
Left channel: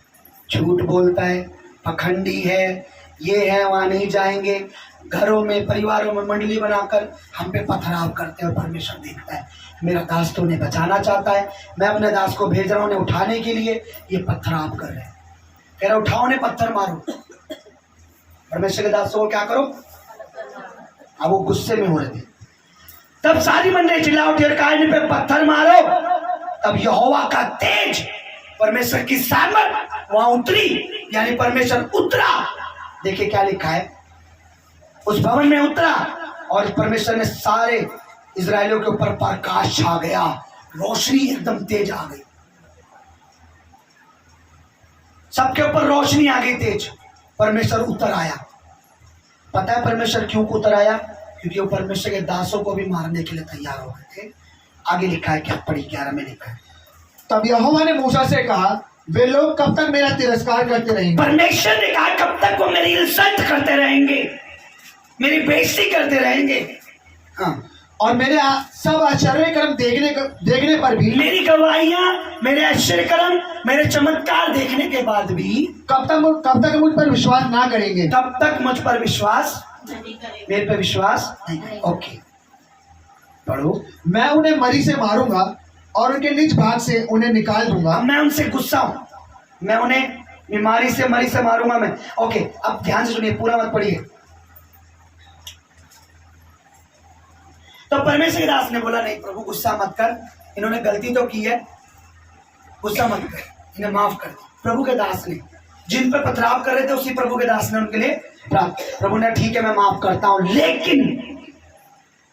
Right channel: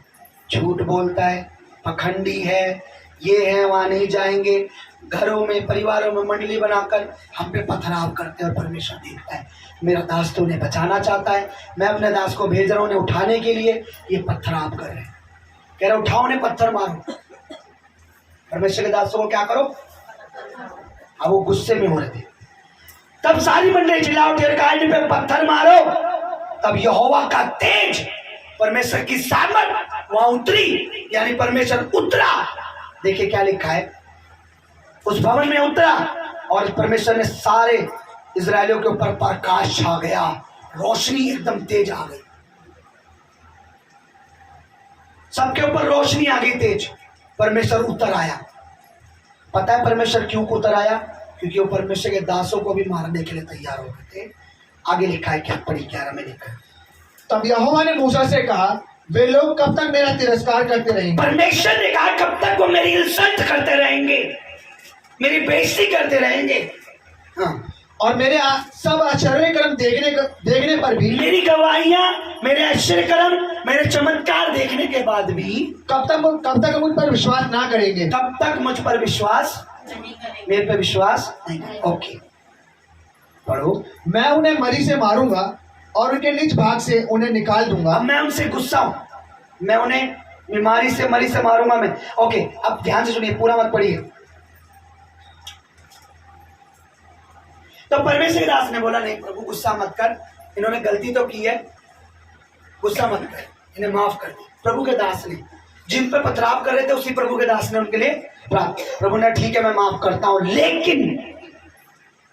झूठ बोलता है, पखंडी है, ये है, वहां नहीं जाएंगे। घरों में, परिवारों में मंडली बनाकर हम पे पथराव करते हैं, और परमेश्वर देखता है मेरा दास तो उन्हें बचाना चाहता है, मैं अपने दास को भेज रहा हूं उन्हें उठाने के लिए, ये पथराव कर रहे हैं। कह रहा उठाओ उन्हें, पत्थर मारो। परमेश्वर के दासों को क्या करो? अब वो गुस्से में हो रहे थे। तब सारी मंडली चिल्ला उठी और कहा इन पे पत्थर मारो। तब यहोवा का तेज, परमेश्वर की सामर्थ वहां उतरी, यानी परमेश्वर उतरा। देखिए क्या लिखा है, उस भवन में उतरा और परमेश्वर ने सारे इजरायलियों के ऊपर प्रकाश छा गया, रोशनी एकदम तेज आ गई, सबके ऊपर रोशनी आ गई तेज। परमेश्वर उतर आया। पता है परमेश्वर क्यों उतर आया? क्योंकि वो परमेश्वर के दासों को भी मारने के लिए तैयार हो गए थे। आगे लिखा है, क्या पढ़ी 11 में लिखा है। तब यहोवा ने मूसा से कहा, वे लोग कब तक मेरा तिरस्कार करते रहेंगे? परमेश्वर ने कहा कब तक वो मेरी इज्जत करते रहेंगे, मेरी बेइज्जती करते रहेंगे। हाँ, और मेरे सब आश्चर्य कर्म देखने पर भी, मेरी गवाहियां, मेरे आश्चर्य कर्म, मेरे चमत्कार देखने के बाद भी कब तक मुझ पर विश्वास ना करेंगे? तब तक मुझ पर विश्वास, मेरे पे विश्वास नहीं करेंगे। ओके, पढ़ो। मैं उन्हें मरी से मारूंगा और उनके निज भाग से उन्हें निकाल दूंगा। अब मैं उनसे गुस्सा हूं, मैं उन्हें बीमारी से, मरी से मारूंगा मैं। ओके, अब ध्यान से सुनिए, पूरा मत पढ़िए। तो परमेश्वर के दास ने बोला नहीं प्रभु गुस्सा मत कर, इन्होंने गलती तो की है, गुस्सा मत कर, इन्हें माफ कर दे। प्रभु के दास ने जिन पर पथराव कर रहे थे उसी प्रभु के दास ने उनके लिए प्रार्थना। प्रभु ने ठीक है मैं माफ करता हूं, लेकिन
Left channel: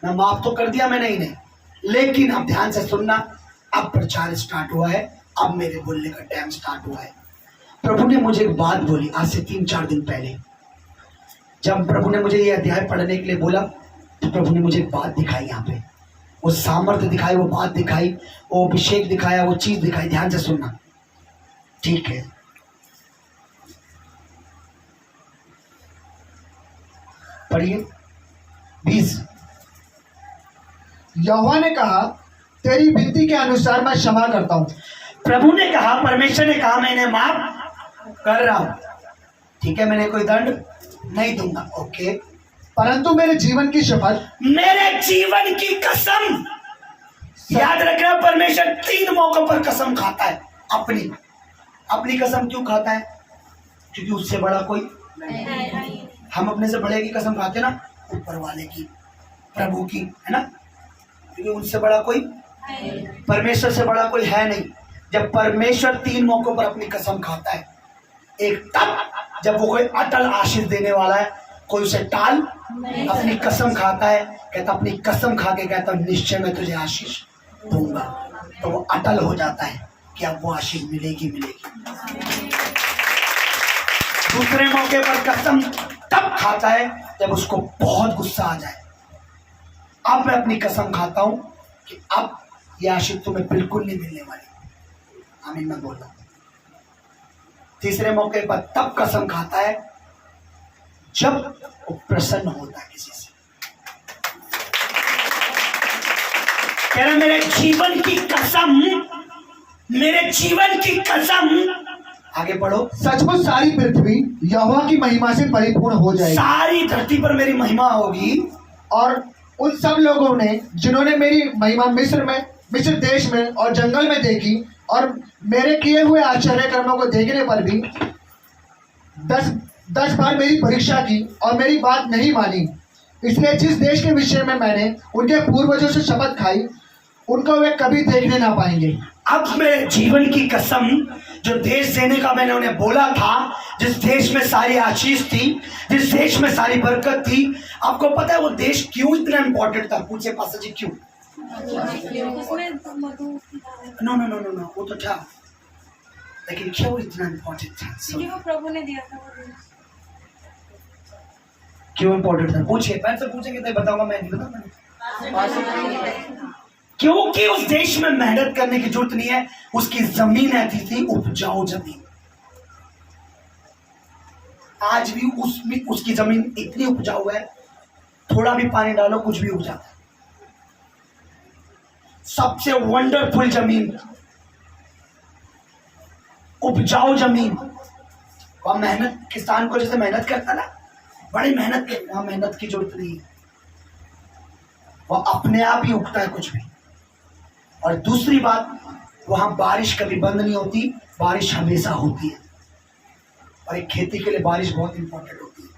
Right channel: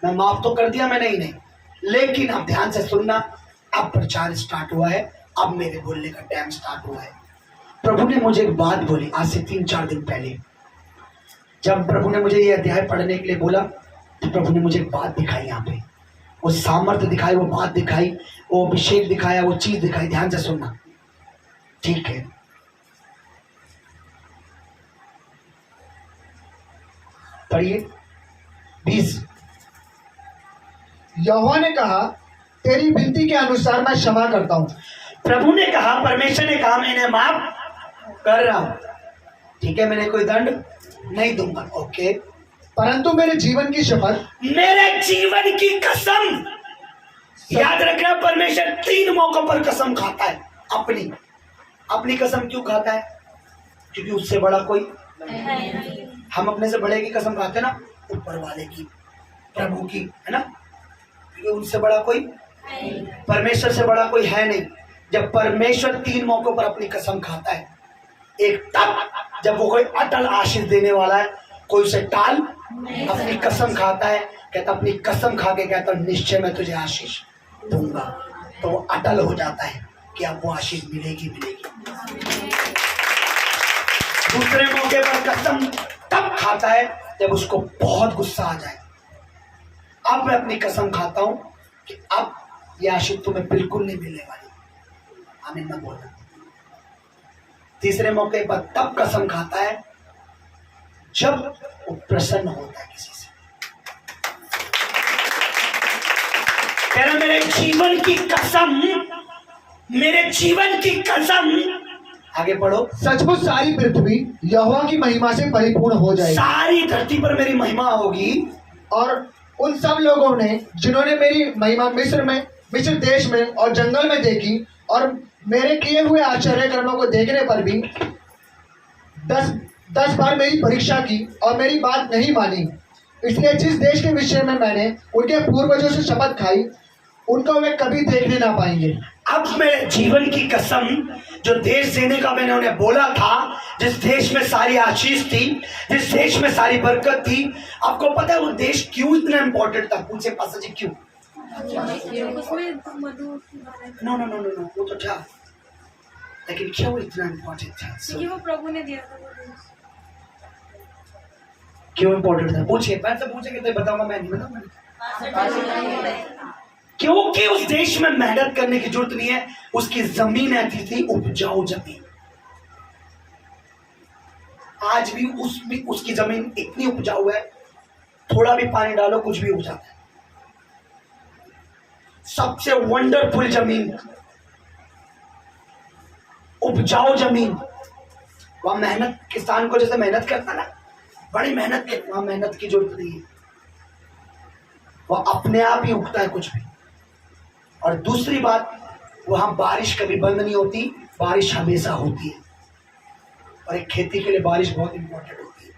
मैं माफ तो कर दिया मैंने इन्हें, लेकिन अब ध्यान से सुनना, अब प्रचार स्टार्ट हुआ है, अब मेरे बोलने का टाइम स्टार्ट हुआ है। प्रभु ने मुझे एक बात बोली आज से 3-4 दिन पहले। जब प्रभु ने मुझे ये अध्याय पढ़ने के लिए बोला तो प्रभु ने मुझे एक बात दिखाई, यहाँ पे वो सामर्थ्य दिखाई, वो बात दिखाई, वो अभिषेक दिखाया, वो चीज दिखाई। ध्यान से सुनना, ठीक है? पढ़िए 20। यहोवा ने कहा, तेरी विनती के अनुसार मैं क्षमा करता हूँ। प्रभु ने कहा, परमेश्वर ने कहा मैं इन्हें माफ कर रहा हूं, ठीक है, मैंने कोई दंड नहीं दूंगा। ओके, परंतु मेरे जीवन की शपथ, मेरे जीवन की कसम, याद रखना परमेश्वर 3 मौकों पर कसम खाता है। अपनी कसम क्यों खाता है? क्योंकि उससे बड़ा कोई हम अपने से बड़े की कसम खाते हैं ना, ऊपर वाले की, प्रभु की, है ना, क्योंकि उनसे बड़ा कोई, परमेश्वर से बड़ा कोई है नहीं। जब परमेश्वर 3 मौकों पर अपनी कसम खाता है, एक तब जब वो कोई अटल आशीष देने वाला है, कोई उसे टाल अपनी कसम खाता है, कहता अपनी कसम खा के कहता निश्चय मैं तुझे आशीष दूंगा, तो वो अटल हो जाता है कि अब वो आशीष मिलेगी मिलेगी। दूसरे मौके पर कसम तब खाता है जब उसको बहुत गुस्सा आ जाए, अब मैं अपनी कसम खाता हूं कि अब ये आशीष तुम्हें बिल्कुल नहीं मिलने वाली, आमीन मत बोलना। तीसरे मौके पर तब कसम खाता है जब वो प्रसन्न होता है किसी से, कह रहा मेरे जीवन की कसम, मेरे जीवन की कसम, आगे पढ़ो, सचमुच सारी पृथ्वी यहोवा की महिमा से परिपूर्ण हो जाएगी। सारी धरती पर मेरी महिमा होगी। और उन सब लोगों ने जिन्होंने मेरी महिमा मिस्र देश में और जंगल में देखी और मेरे किए हुए आश्चर्य कर्मों को देखने पर भी 10 बार मेरी परीक्षा की और मेरी बात नहीं मानी, इसलिए जिस देश के विषय में मैंने उनके पूर्वजों से शपथ खाई उनको वे कभी देखने ना पाएंगे। अब मेरे जीवन की कसम, जो देश देने का मैंने उन्हें बोला था, जिस देश में सारी आशीष थी, जिस देश में सारी बरकत थी, आपको पता है वो देश क्यों इतना इंपॉर्टेंट था? पूछे पासा जी क्यों? उसमें Madhu, no no no no no, वो तो था, लेकिन क्यों इतना इंपॉर्टेंट था? क्योंकि वो प्रभु ने दिया था वो देश। क्यों इंपॉर्टेंट था? पूछिए, मैं से पूछेंगे तो बताऊंगा, मैं नहीं बताऊंगा। क्योंकि उस देश में मेहनत करने की जरूरत नहीं है, उसकी जमीन ऐसी थी, उपजाऊ जमीन। आज भी उसकी जमीन इतनी उपजाऊ है, थोड़ा भी पानी डालो कुछ भी उग जाता है। सबसे वंडरफुल जमीन, उपजाऊ जमीन। वहां मेहनत, किसान को जैसे मेहनत करता ना, बड़ी मेहनत के, वहां मेहनत की जरूरत नहीं है, वह अपने आप ही उगता है कुछ भी। और दूसरी बात, वहां बारिश कभी बंद नहीं होती, बारिश हमेशा होती है। और एक खेती के लिए बारिश बहुत इंपॉर्टेंट होती है।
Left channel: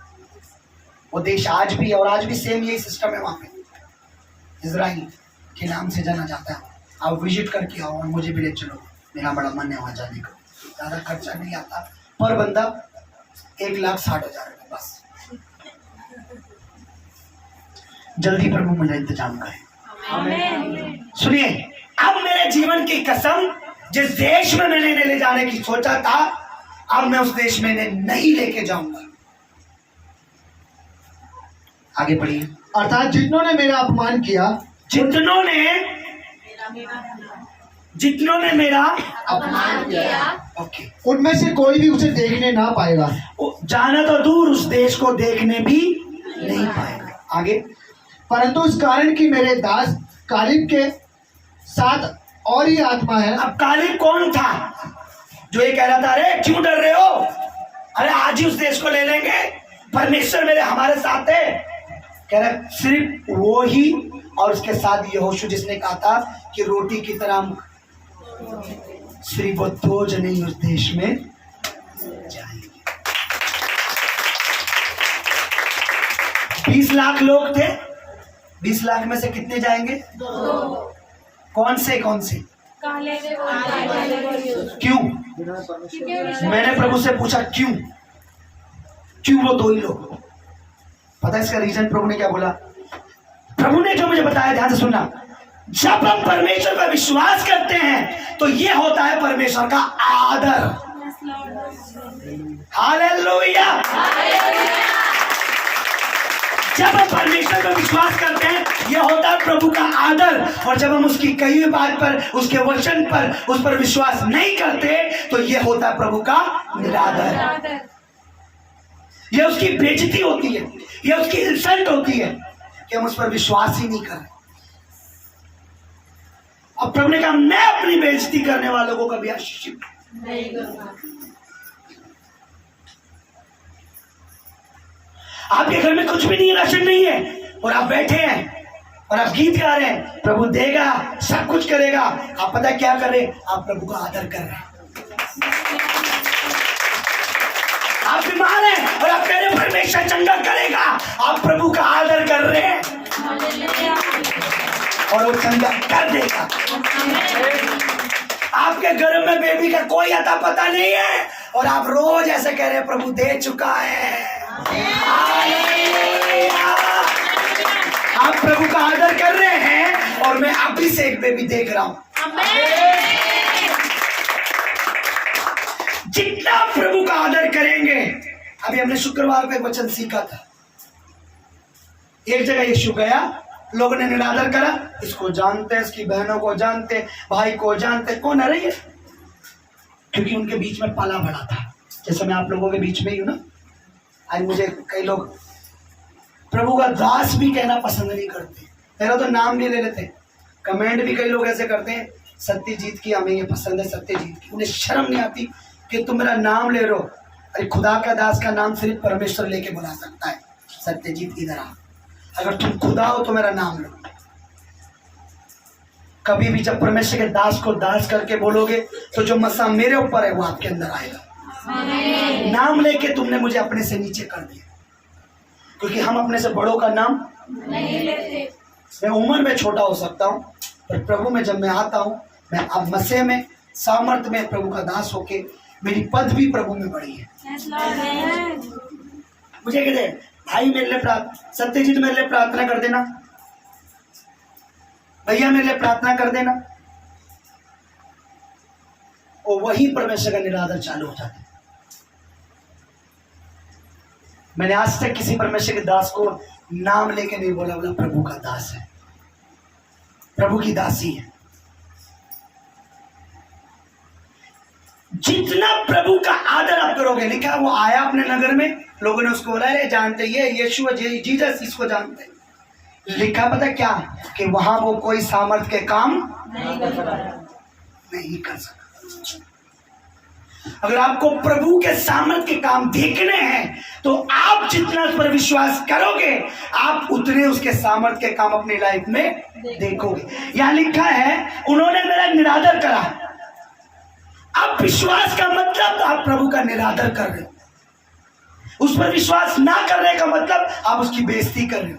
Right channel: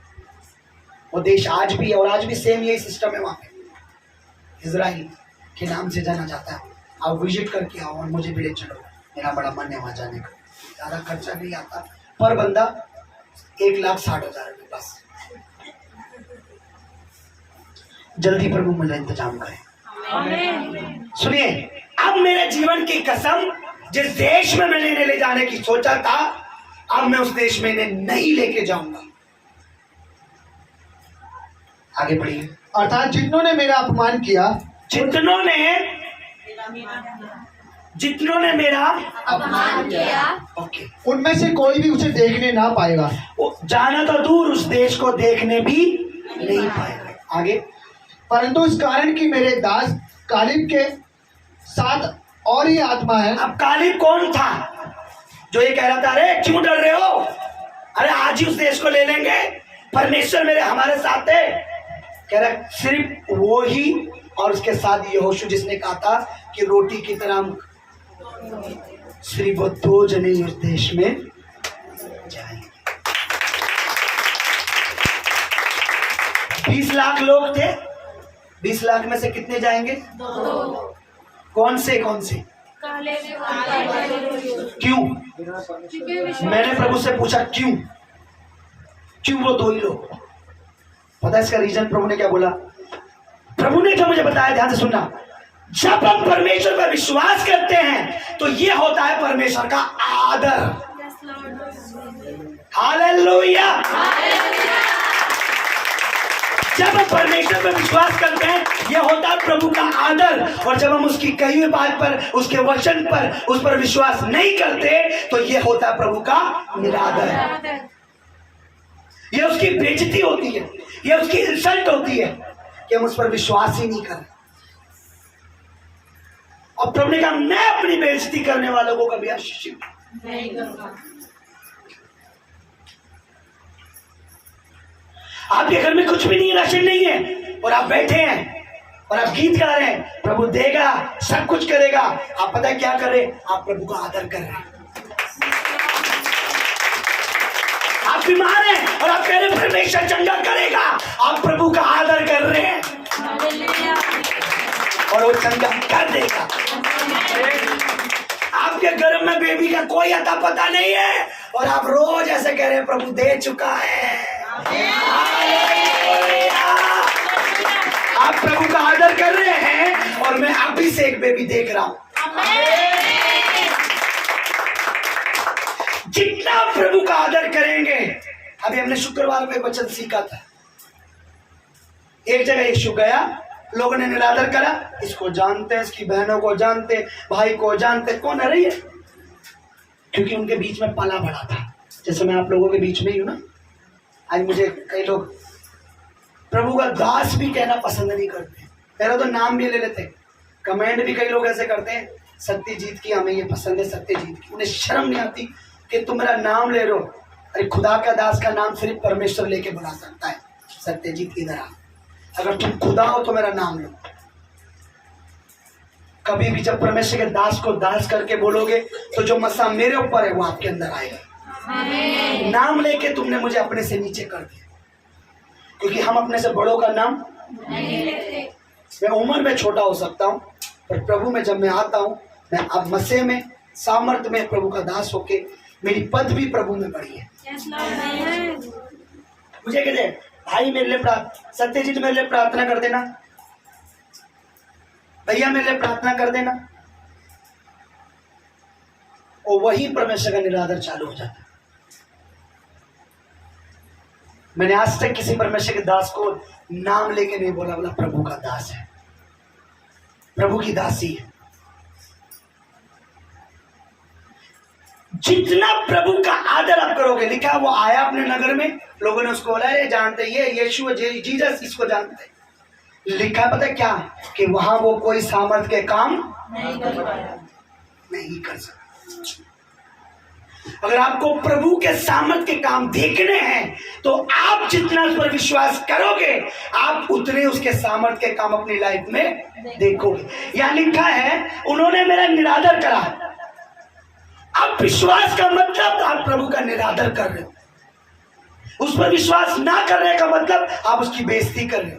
वो देश आज भी, और आज भी सेम यही सिस्टम है वहां पे, इजराइल के नाम से जाना जाता है। आप विजिट करके आओ और मुझे भी ले चलो, मेरा बड़ा मन है वहां जाने का। ज्यादा खर्चा नहीं आता, पर बंदा 1,60,000 रुपये बस। जल्दी प्रभु मुझे इंतजाम करें। सुनिए, अब मेरे जीवन की कसम, जिस देश में मैंने इन्हें ले जाने की सोचा था, अब मैं उस देश में इन्हें नहीं लेके जाऊंगा। आगे पढ़िए। अर्थात जिन्होंने मेरा अपमान किया, जितनों ने मेरा अपमान किया, ओके, उनमें से कोई भी उसे देखने ना पाएगा। जाना तो दूर, उस देश को देखने भी नहीं पाएगा। आगे, परंतु इस कारण कि मेरे दास कालिब के साथ और ही आत्मा है। अब कालिब कौन था जो ये कह रहा था अरे क्यों डर रहे हो, अरे आज ही उस देश को ले लेंगे, परमेश्वर मेरे हमारे साथ है? कह रहा सिर्फ वो ही, और उसके साथ यहोशू जिसने कहा था कि रोटी की तरह सिर्फ वो 2 जने उस देश में जाएंगे। 20 लाख लोग थे, 20 लाख में से कितने जाएंगे? 2। कौन से काले क्यों? क्योंकि मैंने प्रभु से पूछा क्यों वो 2 ही लोग? पता है इसका रीजन? प्रभु ने क्या बोला? प्रभु ने जो मुझे बताया, ध्यान से सुनना, जब हम परमेश्वर पर विश्वास करते हैं तो ये होता है परमेश्वर का आदर। हालेलुया। जब हम परमेश्वर पर विश्वास करते हैं, यह होता है प्रभु का आदर। और जब हम उसकी कही हुई बात पर, उसके वचन पर, उस पर विश्वास नहीं करते, तो यह होता है प्रभु का निरादर। यह उसकी बेइज्जती होती है, यह उसकी इंसल्ट होती है कि हम उस पर विश्वास ही नहीं कर रहे। और प्रभु ने कहा मैं अपनी बेइज्जती करने वालों को कभी आशीषित नहीं करूंगा। आपके घर में कुछ भी नहीं है, राशन नहीं है, और आप बैठे हैं और आप गीत गा रहे हैं, प्रभु देगा, सब कुछ करेगा। आप पता है क्या कर रहे हैं? आप प्रभु का आदर कर रहे हैं। आप आप बीमार हैं और आप कह रहे हैं परमेश्वर चंगा करेगा, आप प्रभु का आदर कर रहे हैं और वो चंगा कर देगा। आपके घर में बेबी का कोई अता पता नहीं है और आप रोज ऐसे कह रहे हैं प्रभु दे चुका है। हालेलुया। आप प्रभु का आदर कर रहे हैं और मैं अभी से एक बेबी देख रहा हूं। जितना प्रभु का आदर करेंगे, अभी हमने शुक्रवार को एक वचन सीखा था। एक जगह यीशु गया, लोगों ने निरादर करा, इसको जानते, इसकी बहनों को जानते, भाई को जानते, कौन है ये? क्योंकि उनके बीच में पला बड़ा था, जैसे मैं आप लोगों के बीच में ही हूं ना। आज मुझे कई लोग प्रभु का दास भी कहना पसंद नहीं करते, मेरा तो नाम भी ले लेते। कमेंट भी कई लोग ऐसे करते हैं, सत्यजीत की हमें ये पसंद है, सत्यजीत की। उन्हें शर्म नहीं आती कि तुम मेरा नाम ले रहे हो। अरे खुदा का दास का नाम सिर्फ परमेश्वर लेके बुला सकता है। सत्यजीत इधर आ, अगर तुम खुदा हो तो मेरा नाम लो। कभी भी जब परमेश्वर के दास को दास करके बोलोगे तो जो मसा मेरे ऊपर है वो आपके अंदर आएगा। नाम लेके तुमने मुझे अपने से नीचे कर दिया, क्योंकि हम अपने से बड़ों का नाम नहीं लेते। मैं उम्र में छोटा हो सकता हूं, पर प्रभु में जब मैं आता हूं, मैं अब मसीह में सामर्थ में प्रभु का दास होके मेरी पद भी प्रभु में बढ़ी है। मुझे कहते भाई मेरे लिए सत्यजीत मेरे लिए प्रार्थना कर देना, भैया मेरे लिए प्रार्थना कर देना, और वही परमेश्वर का निरादर चालू हो जाता है। मैंने आज तक किसी परमेश्वर के दास को नाम लेके नहीं बोला, बोला प्रभु का दास है, प्रभु की दासी है। जितना प्रभु का आदर आप करोगे, लिखा है वो आया अपने नगर में, लोगों ने उसको बोला अरे जानते ये यीशु जीसस, इसको जानते। लिखा पता क्या कि वहां वो कोई सामर्थ के काम नहीं कर सका। अगर आपको प्रभु के सामर्थ के काम देखने हैं तो आप जितना उस पर विश्वास करोगे, आप उतने उसके सामर्थ के काम अपनी लाइफ में देखोगे। यहां लिखा है उन्होंने मेरा निरादर करा। अब विश्वास का मतलब आप प्रभु का निरादर कर रहे हो, उस पर विश्वास ना करने का मतलब आप उसकी बेइज्जती कर रहे हो।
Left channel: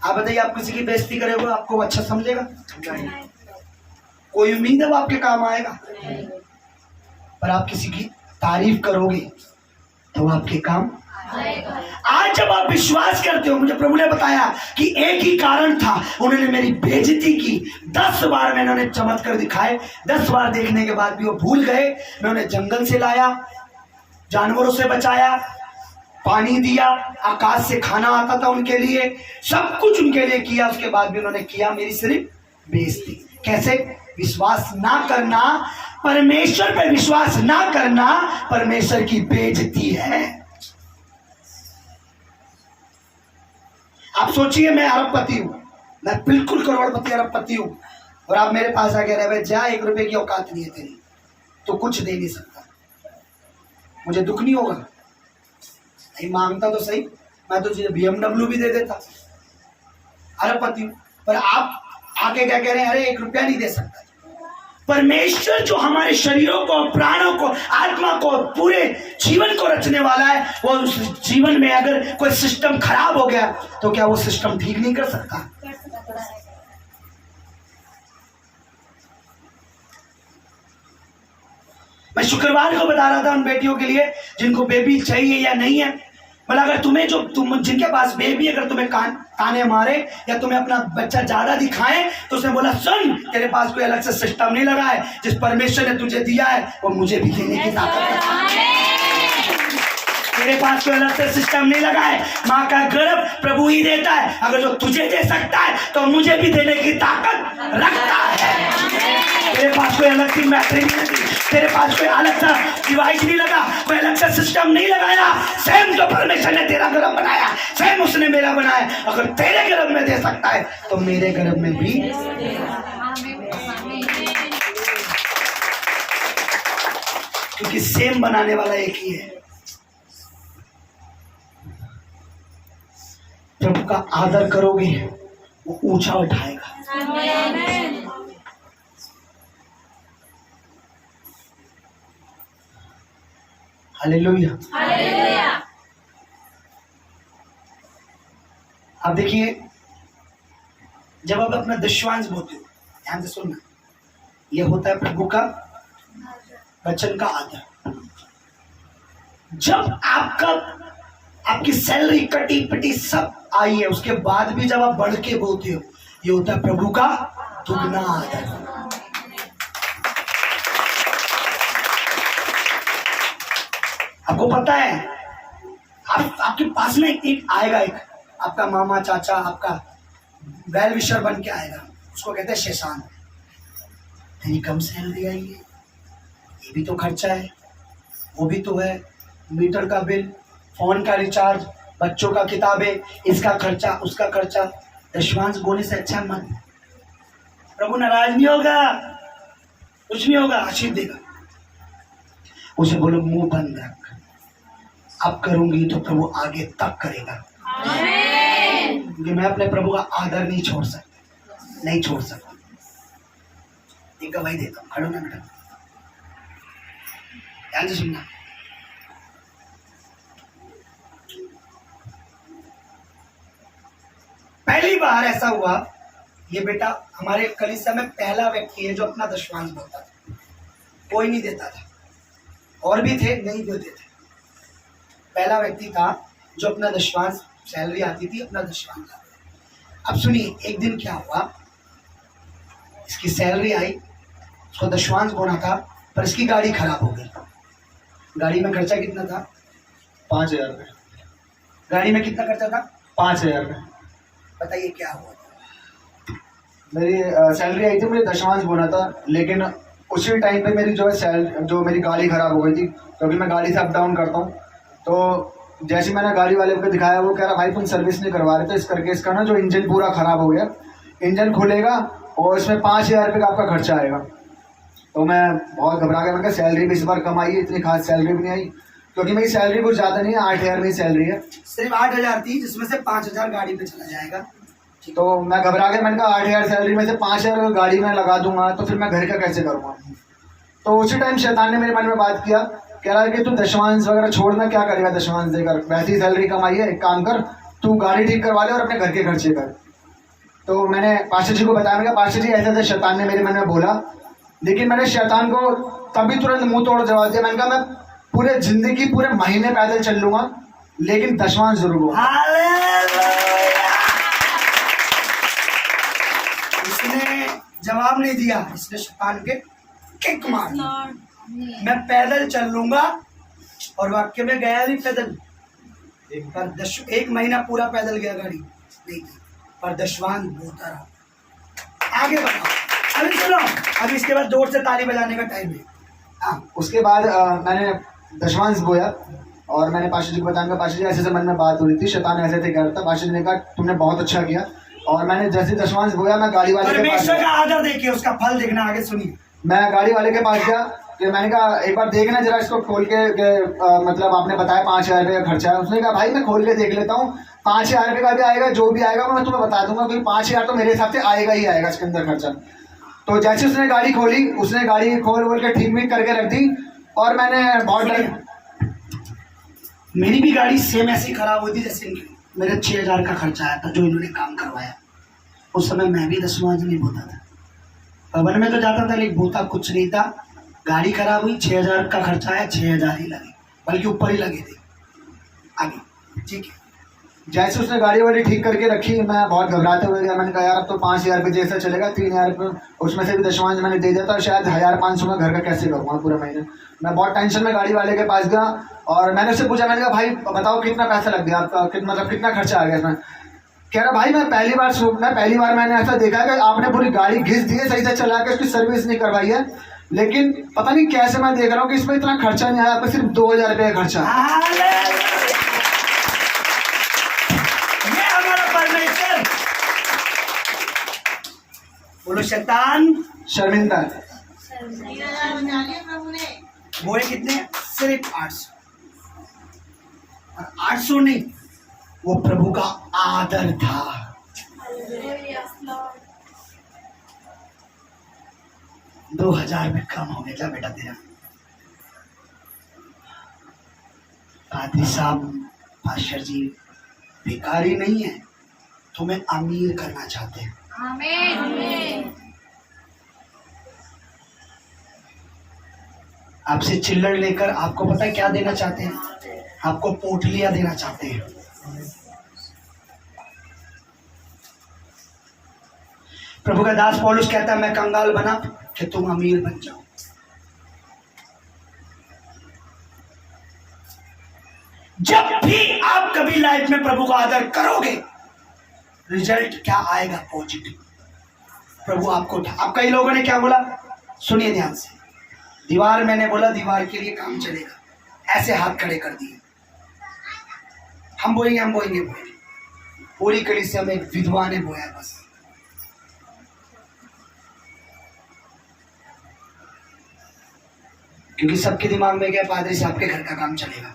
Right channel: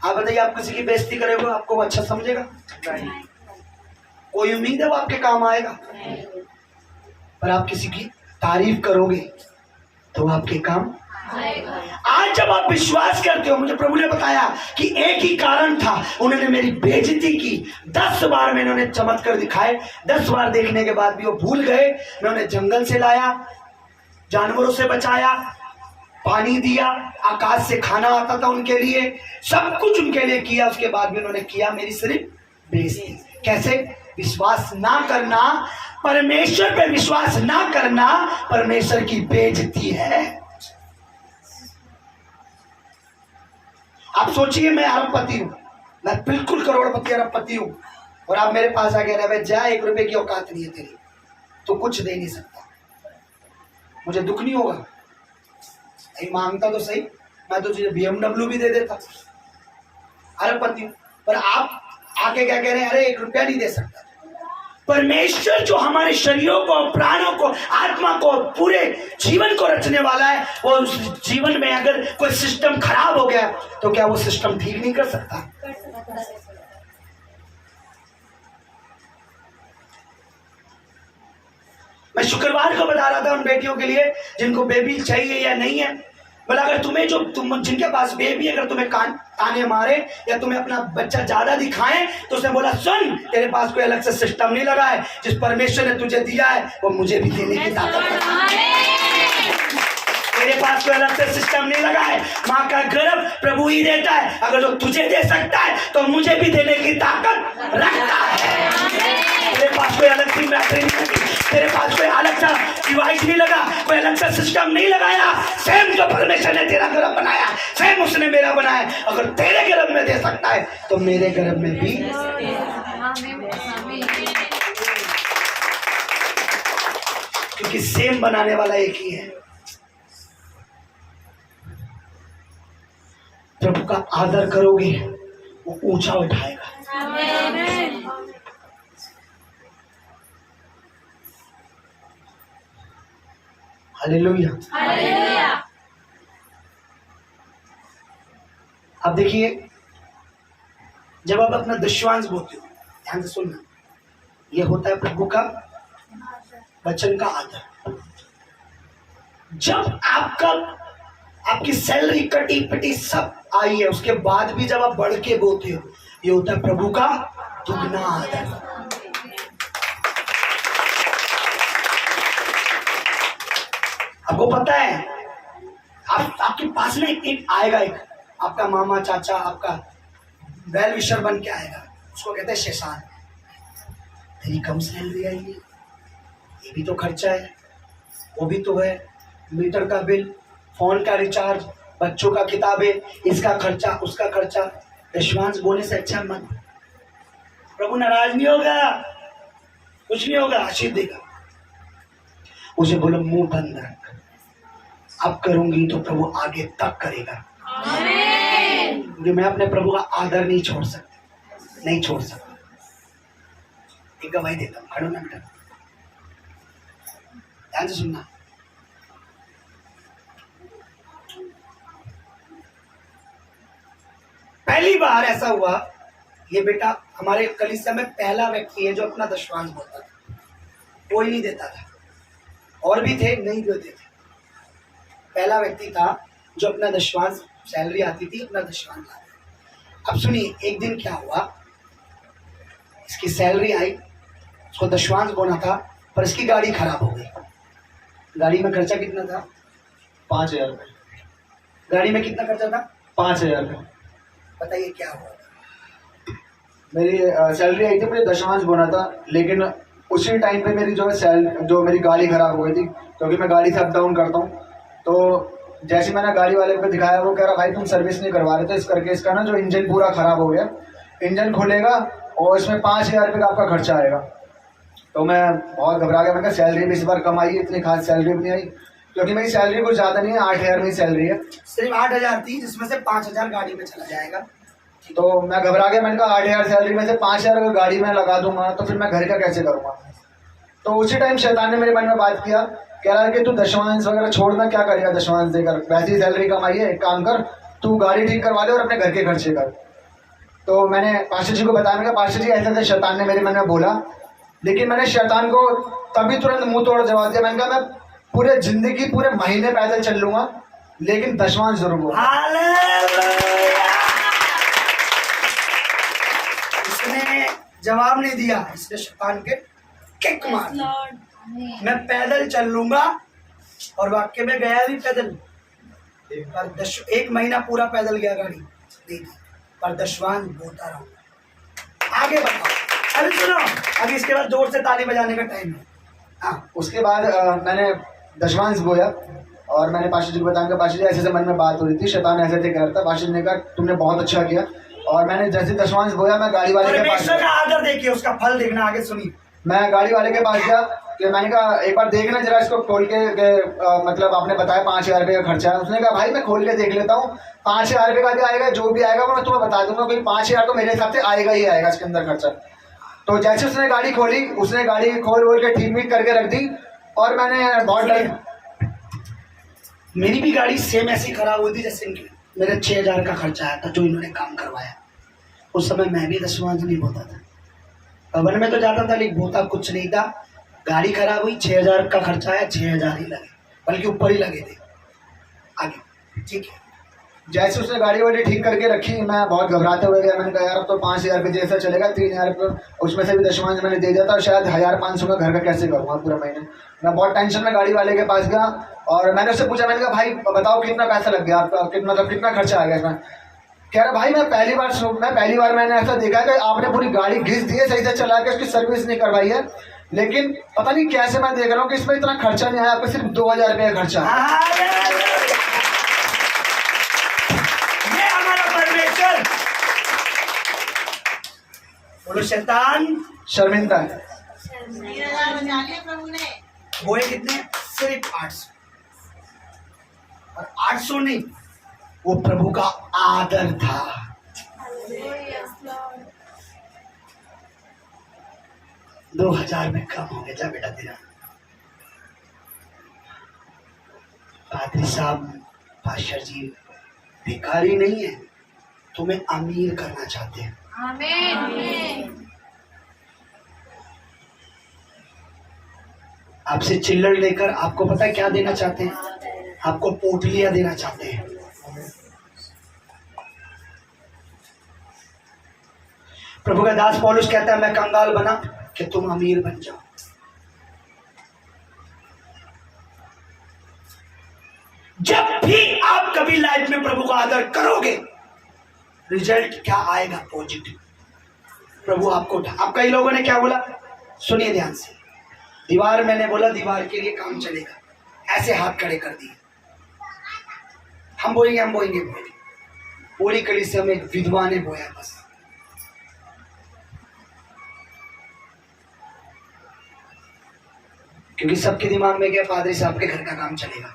आप बताइए, आप किसी की बेइज्जती करोगे आपको वो अच्छा समझेगा? नहीं। कोई उम्मीद है वो आपके काम आएगा? नहीं। पर आप किसी की तारीफ करोगे तो आपके काम आएगा। आज जब आप विश्वास करते हो, मुझे प्रभु ने बताया कि एक ही कारण था, उन्होंने मेरी बेइज्जती की। 10 बार मैंने उन्हें चमत्कार दिखाए, 10 बार देखने के बाद भी वो भूल गए। मैं उन्हें जंगल से लाया, जानवरों से बचाया, पानी दिया, आकाश से खाना आता था उनके लिए, सब कुछ उनके लिए किया। उसके बाद भी उन्होंने किया मेरी सिर्फ बेइज्जती। कैसे? विश्वास ना करना, परमेश्वर पे विश्वास ना करना परमेश्वर की बेइज्जती है। आप सोचिए, मैं अरबपति हूं, मैं बिल्कुल करोड़पति अरबपति हूं, और आप मेरे पास आके रहे जा 1 रुपए की औकात नहीं है तेरी, तो कुछ दे नहीं सकता, मुझे दुख नहीं होगा? नहीं मांगता तो सही, मैं तो तुझे BMW भी दे देता, अरबपति हूं। पर आप आके क्या कह रहे हैं, अरे 1 रुपया नहीं दे सकता। परमेश्वर जो हमारे शरीरों को, प्राणों को, आत्मा को, पूरे जीवन को रचने वाला है, वो उस जीवन में अगर कोई सिस्टम खराब हो गया तो क्या वो सिस्टम ठीक नहीं कर सकता? मैं शुक्रवार को बता रहा था उन बेटियों के लिए जिनको बेबी चाहिए या नहीं है, मतलब अगर तुम जिनके पास बेबी, अगर तुम्हें ताने मारे या तुम्हें अपना बच्चा ज्यादा दिखाएं, तो उसने बोला सुन, तेरे पास कोई अलग से सिस्टम नहीं लगा है, जिस परमेश्वर ने तुझे दिया है वो मुझे भी देने की ताकत है। तेरे पास कोई अलग से सिस्टम नहीं लगा है, माँ का गर्भ प्रभु ही देता है। अगर जो तुझे दे सकता है तो मुझे भी देने की ताकत रखता है। तेरे पास कोई अलग सी मैट्री नहीं लगी, तेरे पास कोई अलग सा डिवाइस नहीं लगा, कोई अलग सा सिस्टम नहीं लगाया। सेम जो परमेश्वर ने तेरा गर्भ बनाया, सेम उसने मेरा बनाया। अगर तेरे गर्भ में दे सकता है तो मेरे गर्भ में भी, क्योंकि सेम बनाने वाला एक ही है। प्रभु का आदर करोगे वो ऊंचा उठाएगा। हालेलुया। हालेलुया। अब देखिए, जब आप अपना दशवांश बोते हो, ध्यान से सुनना, यह होता है प्रभु का वचन का आदर। जब आपकी सैलरी कटी पिटी सब आई है, उसके बाद भी जब आप बढ़ के बोते हो, ये होता है प्रभु का दुगना आदर। आपको पता है, आपके पास ना एक आएगा, एक आपका मामा चाचा आपका वेल विशर बन के आएगा, उसको कहते हैं शैतान। तेरी कम सैलरी आई है, ये भी तो खर्चा है, वो भी तो है, मीटर का बिल, फोन का रिचार्ज, बच्चों का किताबें, इसका खर्चा उसका खर्चा। दशवांश बोने से अच्छा मन, प्रभु नाराज नहीं होगा, कुछ नहीं होगा, आशीष देगा। उसे बोलो मुंह बंद रख, अब करूंगी तो प्रभु आगे तक करेगा। क्योंकि मैं अपने प्रभु का आदर नहीं छोड़ सकता। एक गवाही देता हूँ, खड़ो ना बेटा, ध्यान से सुनना। पहली बार ऐसा हुआ, ये बेटा हमारे कलीसिया में पहला व्यक्ति है जो अपना दशवांश बोलता था। कोई नहीं देता था, और भी थे नहीं देते थे, पहला व्यक्ति था जो अपना दशवांश, सैलरी आती थी अपना दशवांश लाता। अब सुनिए, एक दिन क्या हुआ, इसकी सैलरी आई, उसको दशवांश बोना था, पर इसकी गाड़ी खराब हो गई। गाड़ी में खर्चा कितना था? 5,000 रुपये। गाड़ी में कितना खर्चा था? 5,000 रुपये। बताइए क्या हुआ था? मेरी सैलरी आई थी, मुझे दशवांश बोना था, लेकिन उसी टाइम पे मेरी जो मेरी गाड़ी खराब हो गई थी, क्योंकि मैं गाड़ी से अप डाउन करता हूँ। तो जैसे मैंने गाड़ी वाले को दिखाया, वो कह रहा भाई तुम सर्विस नहीं करवा रहे, तो इस करके इसका ना जो इंजन पूरा ख़राब हो गया, इंजन खुलेगा और इसमें 5,000 रुपये का आपका खर्चा आएगा। तो मैं बहुत घबरा गया, मैं कहा सैलरी भी इस बार कम आई है, इतनी खास सैलरी भी नहीं आई, क्योंकि मेरी सैलरी कुछ ज़्यादा नहीं है, 8,000 में सैलरी है। सिर्फ 8,000 थी, जिसमें से 5,000 गाड़ी में चला जाएगा। तो मैं घबरा गया, मैंने कहा 8,000 सैलरी में से 5,000 गाड़ी में लगा दूंगा तो फिर मैं घर का कैसे करूँगा। तो उसी टाइम शैतान ने मेरे मन में बात किया, कह रहा है कि तू दशवांश वगैरह छोड़ना, क्या करेगा दशवांश देकर, वैसी सैलरी कमाई है, एक काम कर तू गाड़ी ठीक करवा ले और अपने घर के खर्चे कर। तो मैंने पास्टर जी को बताया, मैंने कहा पास्टर जी ऐसे ऐसे शैतान ने मेरे मन में बोला, लेकिन मैंने शैतान को तभी तुरंत मुंह तोड़ जवाब दिया। मैंने कहा मैं पूरे जिंदगी पूरे महीने पैदल चल लूंगा, लेकिन दशवांश जरूर बोलूंगा। इसने जवाब नहीं दिया, इसने शैतान के किक मार दी। मैं पैदल चल लूंगा, और वाक्य में गया भी पैदल, पर 1 महीना पूरा पैदल गया, गाड़ी नहीं थी, पर दशवांश बोलता रहा। आगे बताओ, अभी सुनो, अभी इसके बाद जोर से ताली बजाने का टाइम है। हाँ, उसके बाद मैंने दशवांश बोया और मैंने पास्टर जी को बताया, पास्टर जी ऐसे ऐसे मन में बात हो रही थी, शैतान ऐसे थे कह रहा था। पास्टर जी ने कहा तुमने बहुत अच्छा किया, और मैंने जैसे दशवांश बोया, मैं गाड़ी वाले के पास परमेश्वर का आदर देखिए, उसका फल देखना। आगे सुनिए, मैं गाड़ी वाले के पास गया कि मैंने कहा एक बार देखना जरा इसको खोल के, मतलब आपने बताया 5,000 रुपये का खर्चा है। उसने कहा भाई मैं खोल के देख लेता हूँ, 5,000 रुपये का भी आएगा, जो भी आएगा वो मैं तुम्हें बता दूंगा, क्योंकि 5,000 तो मेरे हिसाब से आएगा ही आएगा इसके अंदर खर्चा। तो जैसे उसने गाड़ी खोली, उसने गाड़ी खोल के ठीक ठीक करके रख दी, और मैंने बहुत मेरी भी गाड़ी सेम ऐसी खराब हुई थी जैसे इनकी। मेरे 6,000 का खर्चा आया था जो इन्होंने काम करवाया। उस समय मैं भी दशवांश नहीं बोता था, भवन में तो जाता था, लेकिन बोता कुछ नहीं था। गाड़ी खराब हुई, 6,000 का खर्चा आया, 6,000 ही लगे, बल्कि ऊपर ही लगे थे। आगे ठीक है, जैसे उसने गाड़ी वाड़ी ठीक करके रखी, मैं बहुत घबराते हुए गया। मैंने कहा यार अब तो 5,000 रुपये जैसा चलेगा, 3,000 रुपये उसमें से भी दशवांश मैंने दे दिया था, और शायद 1,500 का घर का कैसे करूँगा पूरे महीने। मैं बहुत टेंशन में गाड़ी वाले के पास गया, और मैंने उससे पूछा, मैंने कहा भाई बताओ कितना पैसा लग गया आपका, मतलब कितना खर्चा आ गया इसमें। कह रहा भाई मैं पहली बार मैंने ऐसा देखा कि आपने पूरी गाड़ी घिस दी है, सही से चला के उसकी सर्विस नहीं करवाई है, लेकिन पता नहीं कैसे मैं देख रहा हूँ कि इसमें इतना खर्चा नहीं आया, आपका सिर्फ 2,000 रुपये का खर्चा। ये हमारा परमेश्वर, बोलो शैतान शर्मिंदा है। बोए कितने? सिर्फ 800, और 800 नहीं, वो प्रभु का आदर था। 2,000 में कम हो गया, जा बेटा तेरा। पादरी साहब, पास्टर जी भिखारी नहीं है, तुम्हें अमीर करना चाहते हैं। आमीन। आपसे चिल्लड़ लेकर आपको पता है क्या देना चाहते हैं? आपको पोटलियां देना चाहते हैं। प्रभु का दास पौलुस कहता है मैं कंगाल बना कि तुम अमीर बन जाओ। जब भी आप कभी लाइफ में प्रभु का आदर करोगे, रिजल्ट क्या आएगा? पॉजिटिव। प्रभु आपको आप कई लोगों ने क्या बोला, सुनिए ध्यान से। दीवार, मैंने बोला दीवार के लिए काम चलेगा, ऐसे हाथ खड़े कर दिए, हम बोएंगे। पूरी कलीसिया में एक विधवा ने बोया बस। क्योंकि सबके दिमाग में क्या, पादरी साहब के घर का काम चलेगा।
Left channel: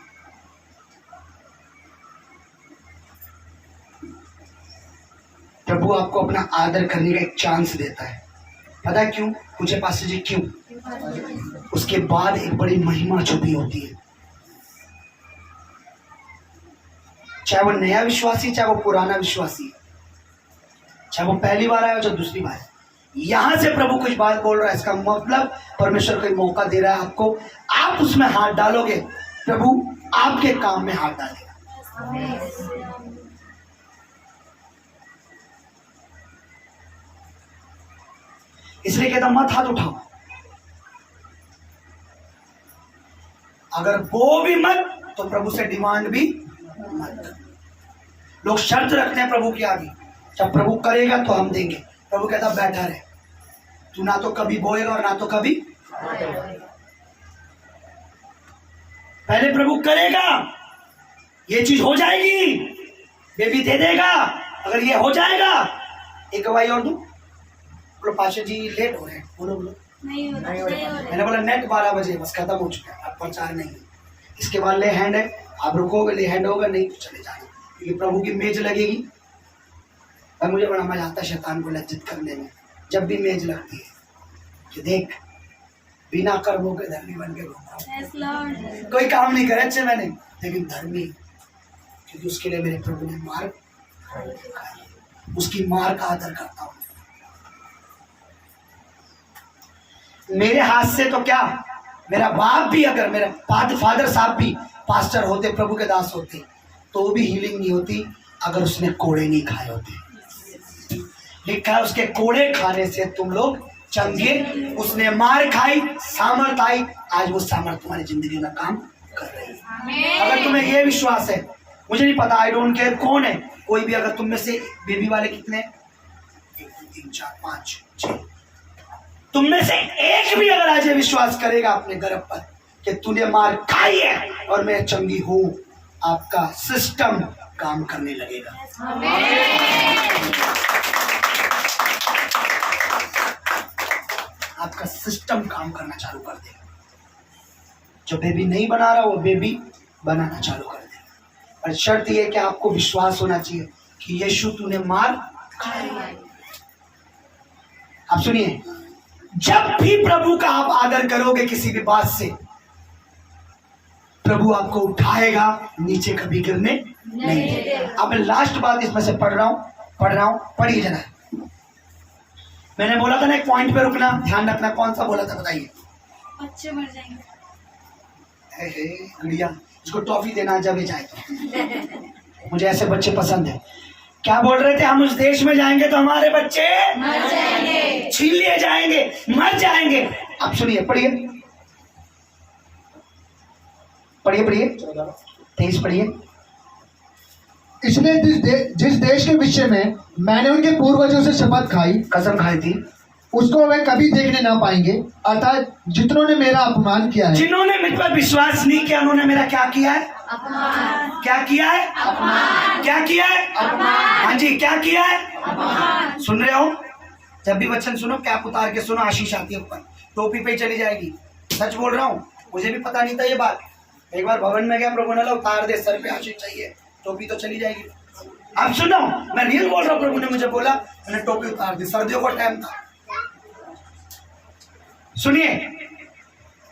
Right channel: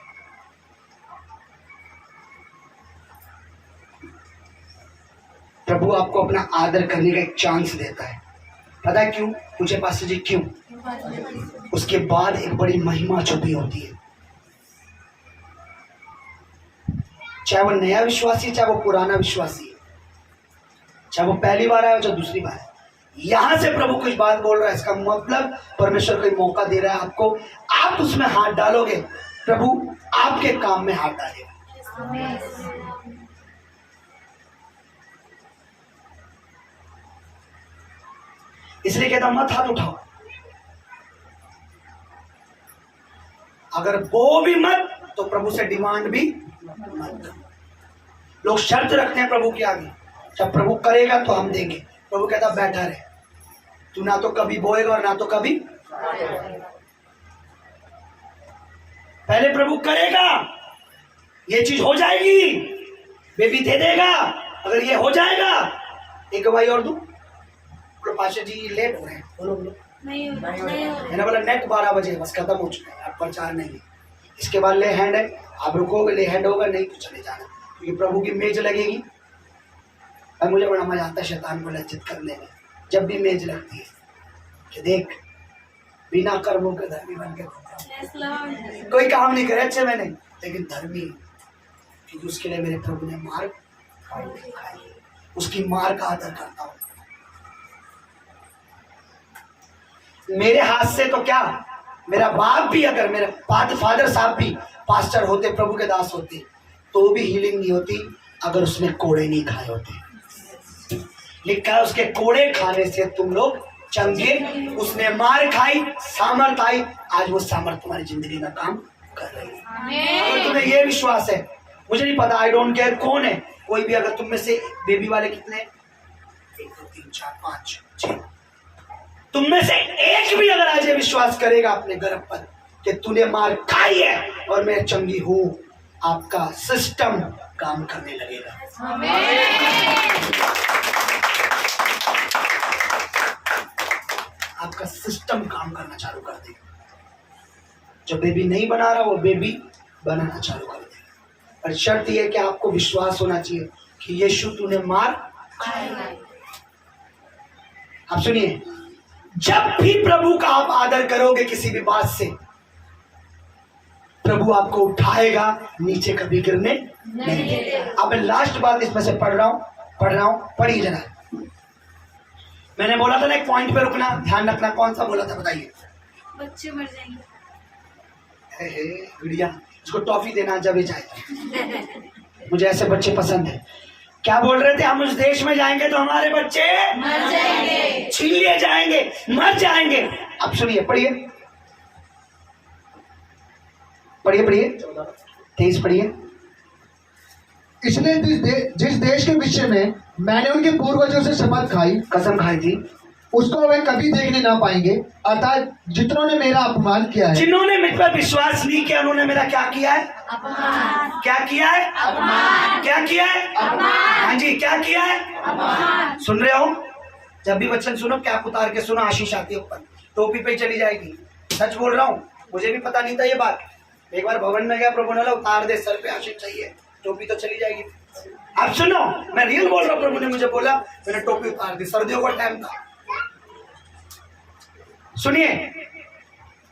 प्रभु आपको अपना आदर करने का एक चांस देता है। पता है क्यों? पूछे पास्टर जी क्यों? उसके बाद एक बड़ी महिमा छुपी होती है। चाहे वो नया विश्वासी, चाहे वो पुराना विश्वासी, चाहे वो पहली बार आया हो चाहे दूसरी बार, यहां से प्रभु कुछ बात बोल रहा है, इसका मतलब परमेश्वर कोई मौका दे रहा है आपको। आप उसमें हाथ डालोगे, प्रभु आपके काम में हाथ डालेगा। इसलिए कहता हूं मत हाथ उठाओ। अगर वो भी मत तो प्रभु से डिमांड भी मत। लोग शर्त रखते हैं प्रभु की आगे, जब प्रभु करेगा तो हम देंगे। प्रभु कहता बैठा रहे, तू ना तो कभी बोएगा और ना तो कभी। पहले प्रभु करेगा, ये चीज हो जाएगी, बेबी दे देगा। अगर ये हो जाएगा, एक गवाही और दूं। बोलो पास्टर जी लेट हो रहे हैं, बोलो नहीं हो रहा। मैंने बोला नेट 12 बजे बस खत्म हो चुका है, अब प्रचार नहीं है। इसके बाद ले हैंड है, आप रुकोगे ले हैंड होगा, नहीं तो चले जाना, क्योंकि प्रभु की मेज लगेगी। और मुझे बड़ा मजा आता है शैतान को लज्जित करने में, जब भी मेज लगती है कि देख बिना कर्मों के धर्मी बन के घूम रहा हूं, कोई काम नहीं करे अच्छे मैंने, लेकिन धर्मी, क्योंकि उसके लिए मेरे प्रभु ने मार खाई, उसकी मार का आदर करता हूं। मेरे हाथ से तो क्या, मेरा बाप भी, अगर मेरे फादर साहब भी पास्टर होते, प्रभु के दास होते, तो भी हीलिंग नहीं होती अगर उसने कोड़े नहीं खाए होते। लिखा है उसके कोड़े खाने से तुम लोग चंगे, उसने मार खाई, सामर्थ आई, आज वो सामर्थ तुम्हारी जिंदगी में काम कर रही है। अगर तुम्हें ये विश्वास है, मुझे नहीं पता, आई डोंट केयर कौन है, कोई भी, अगर तुम में से बेबी वाले कितने, 1 2 3 4 5 6, तुम में से एक भी अगर आज ये विश्वास करेगा अपने गर्भ पर कि तूने मार खाई है और मैं चंगी हूं, आपका सिस्टम काम करने लगेगा। आपका सिस्टम काम करना चालू कर देगा। जो बेबी नहीं बना रहा वो बेबी बनाना चालू कर देगा। पर शर्त यह कि आपको विश्वास होना चाहिए कि यीशु तूने मार खाई। आप सुनिए, जब भी प्रभु का आप आदर करोगे किसी भी बात से, प्रभु आपको उठाएगा, नीचे कभी गिरने नहीं देगा। अब मैं लास्ट बात इसमें से पढ़ रहा हूं, पढ़िए जरा। मैंने बोला था ना एक पॉइंट पे रुकना, ध्यान रखना, कौन सा बोला था बताइए? बच्चे मर जाएंगे। गुड़िया इसको टॉफी देना जब ये जाए। मुझे ऐसे बच्चे पसंद है। क्या बोल रहे थे? हम उस देश में जाएंगे तो हमारे बच्चे मर जाएंगे, छीन लिए जाएंगे, मर जाएंगे। अब सुनिए, पढ़िए 23 पढ़िए। इसलिए जिस देश के विषय में मैंने उनके पूर्वजों से शपथ खाई, कसम खाई थी, उसको वे कभी देखने ना पाएंगे। अर्थात जितनों ने मेरा अपमान किया है, जिन्होंने मुझ पर विश्वास नहीं किया, उन्होंने मेरा क्या किया है? अपमान। क्या किया है? अपमान। क्या किया है? अपमान। हाँ जी, क्या किया है? अपमान। सुन रहे हो? जब भी वचन सुनो, कैप उतार के सुनो, आशीष आती है ऊपर, टोपी पे चली जाएगी। सच बोल रहा हूँ, मुझे भी पता नहीं था ये बात। एक बार भवन में गया, प्रभु ने बोला उतार दे, सर पे आशीष चाहिए, टोपी तो चली जाएगी। अब सुनो, मैं रियल बोल रहा हूँ, प्रभु ने मुझे बोला, मैंने टोपी उतार दी, सर्दियों का टाइम था। सुनिए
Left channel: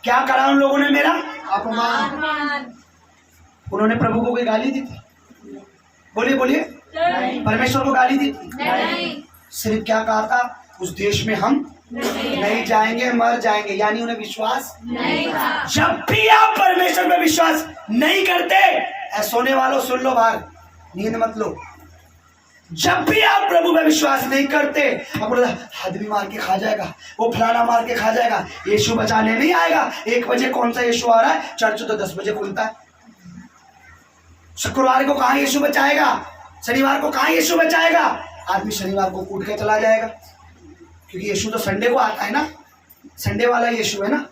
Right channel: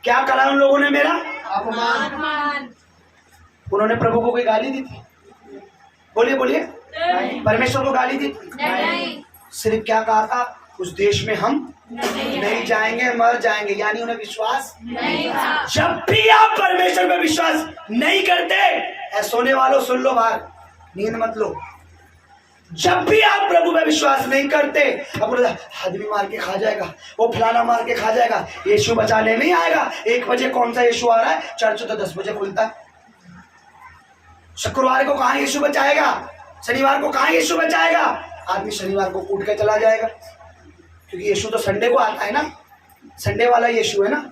क्या करा उन लोगों ने मेरा? अपमान। अपमान। उन्होंने प्रभु को कोई गाली दी थी? बोलिए बोलिए, परमेश्वर को गाली दी थी? नहीं। सिर्फ क्या कहा था, उस देश में हम नहीं जाएंगे, मर जाएंगे, यानी उन्हें विश्वास नहीं था। जब भी आप परमेश्वर में विश्वास नहीं करते, सोने वालों सुन लो, बाहर नींद मत लो, जब भी आप प्रभु में विश्वास नहीं करते, अब आदमी मार के खा जाएगा, वो फलाना मार के खा जाएगा, यीशु बचाने नहीं आएगा। 1 बजे कौन सा यीशु आ रहा है? चर्च तो 10 बजे खुलता है। शुक्रवार को कहाँ यीशु बचाएगा? शनिवार को कहाँ यीशु बचाएगा? आदमी शनिवार को कूट के चला जाएगा, क्योंकि यीशु तो संडे को आता है ना, संडे वाला यीशु है ना।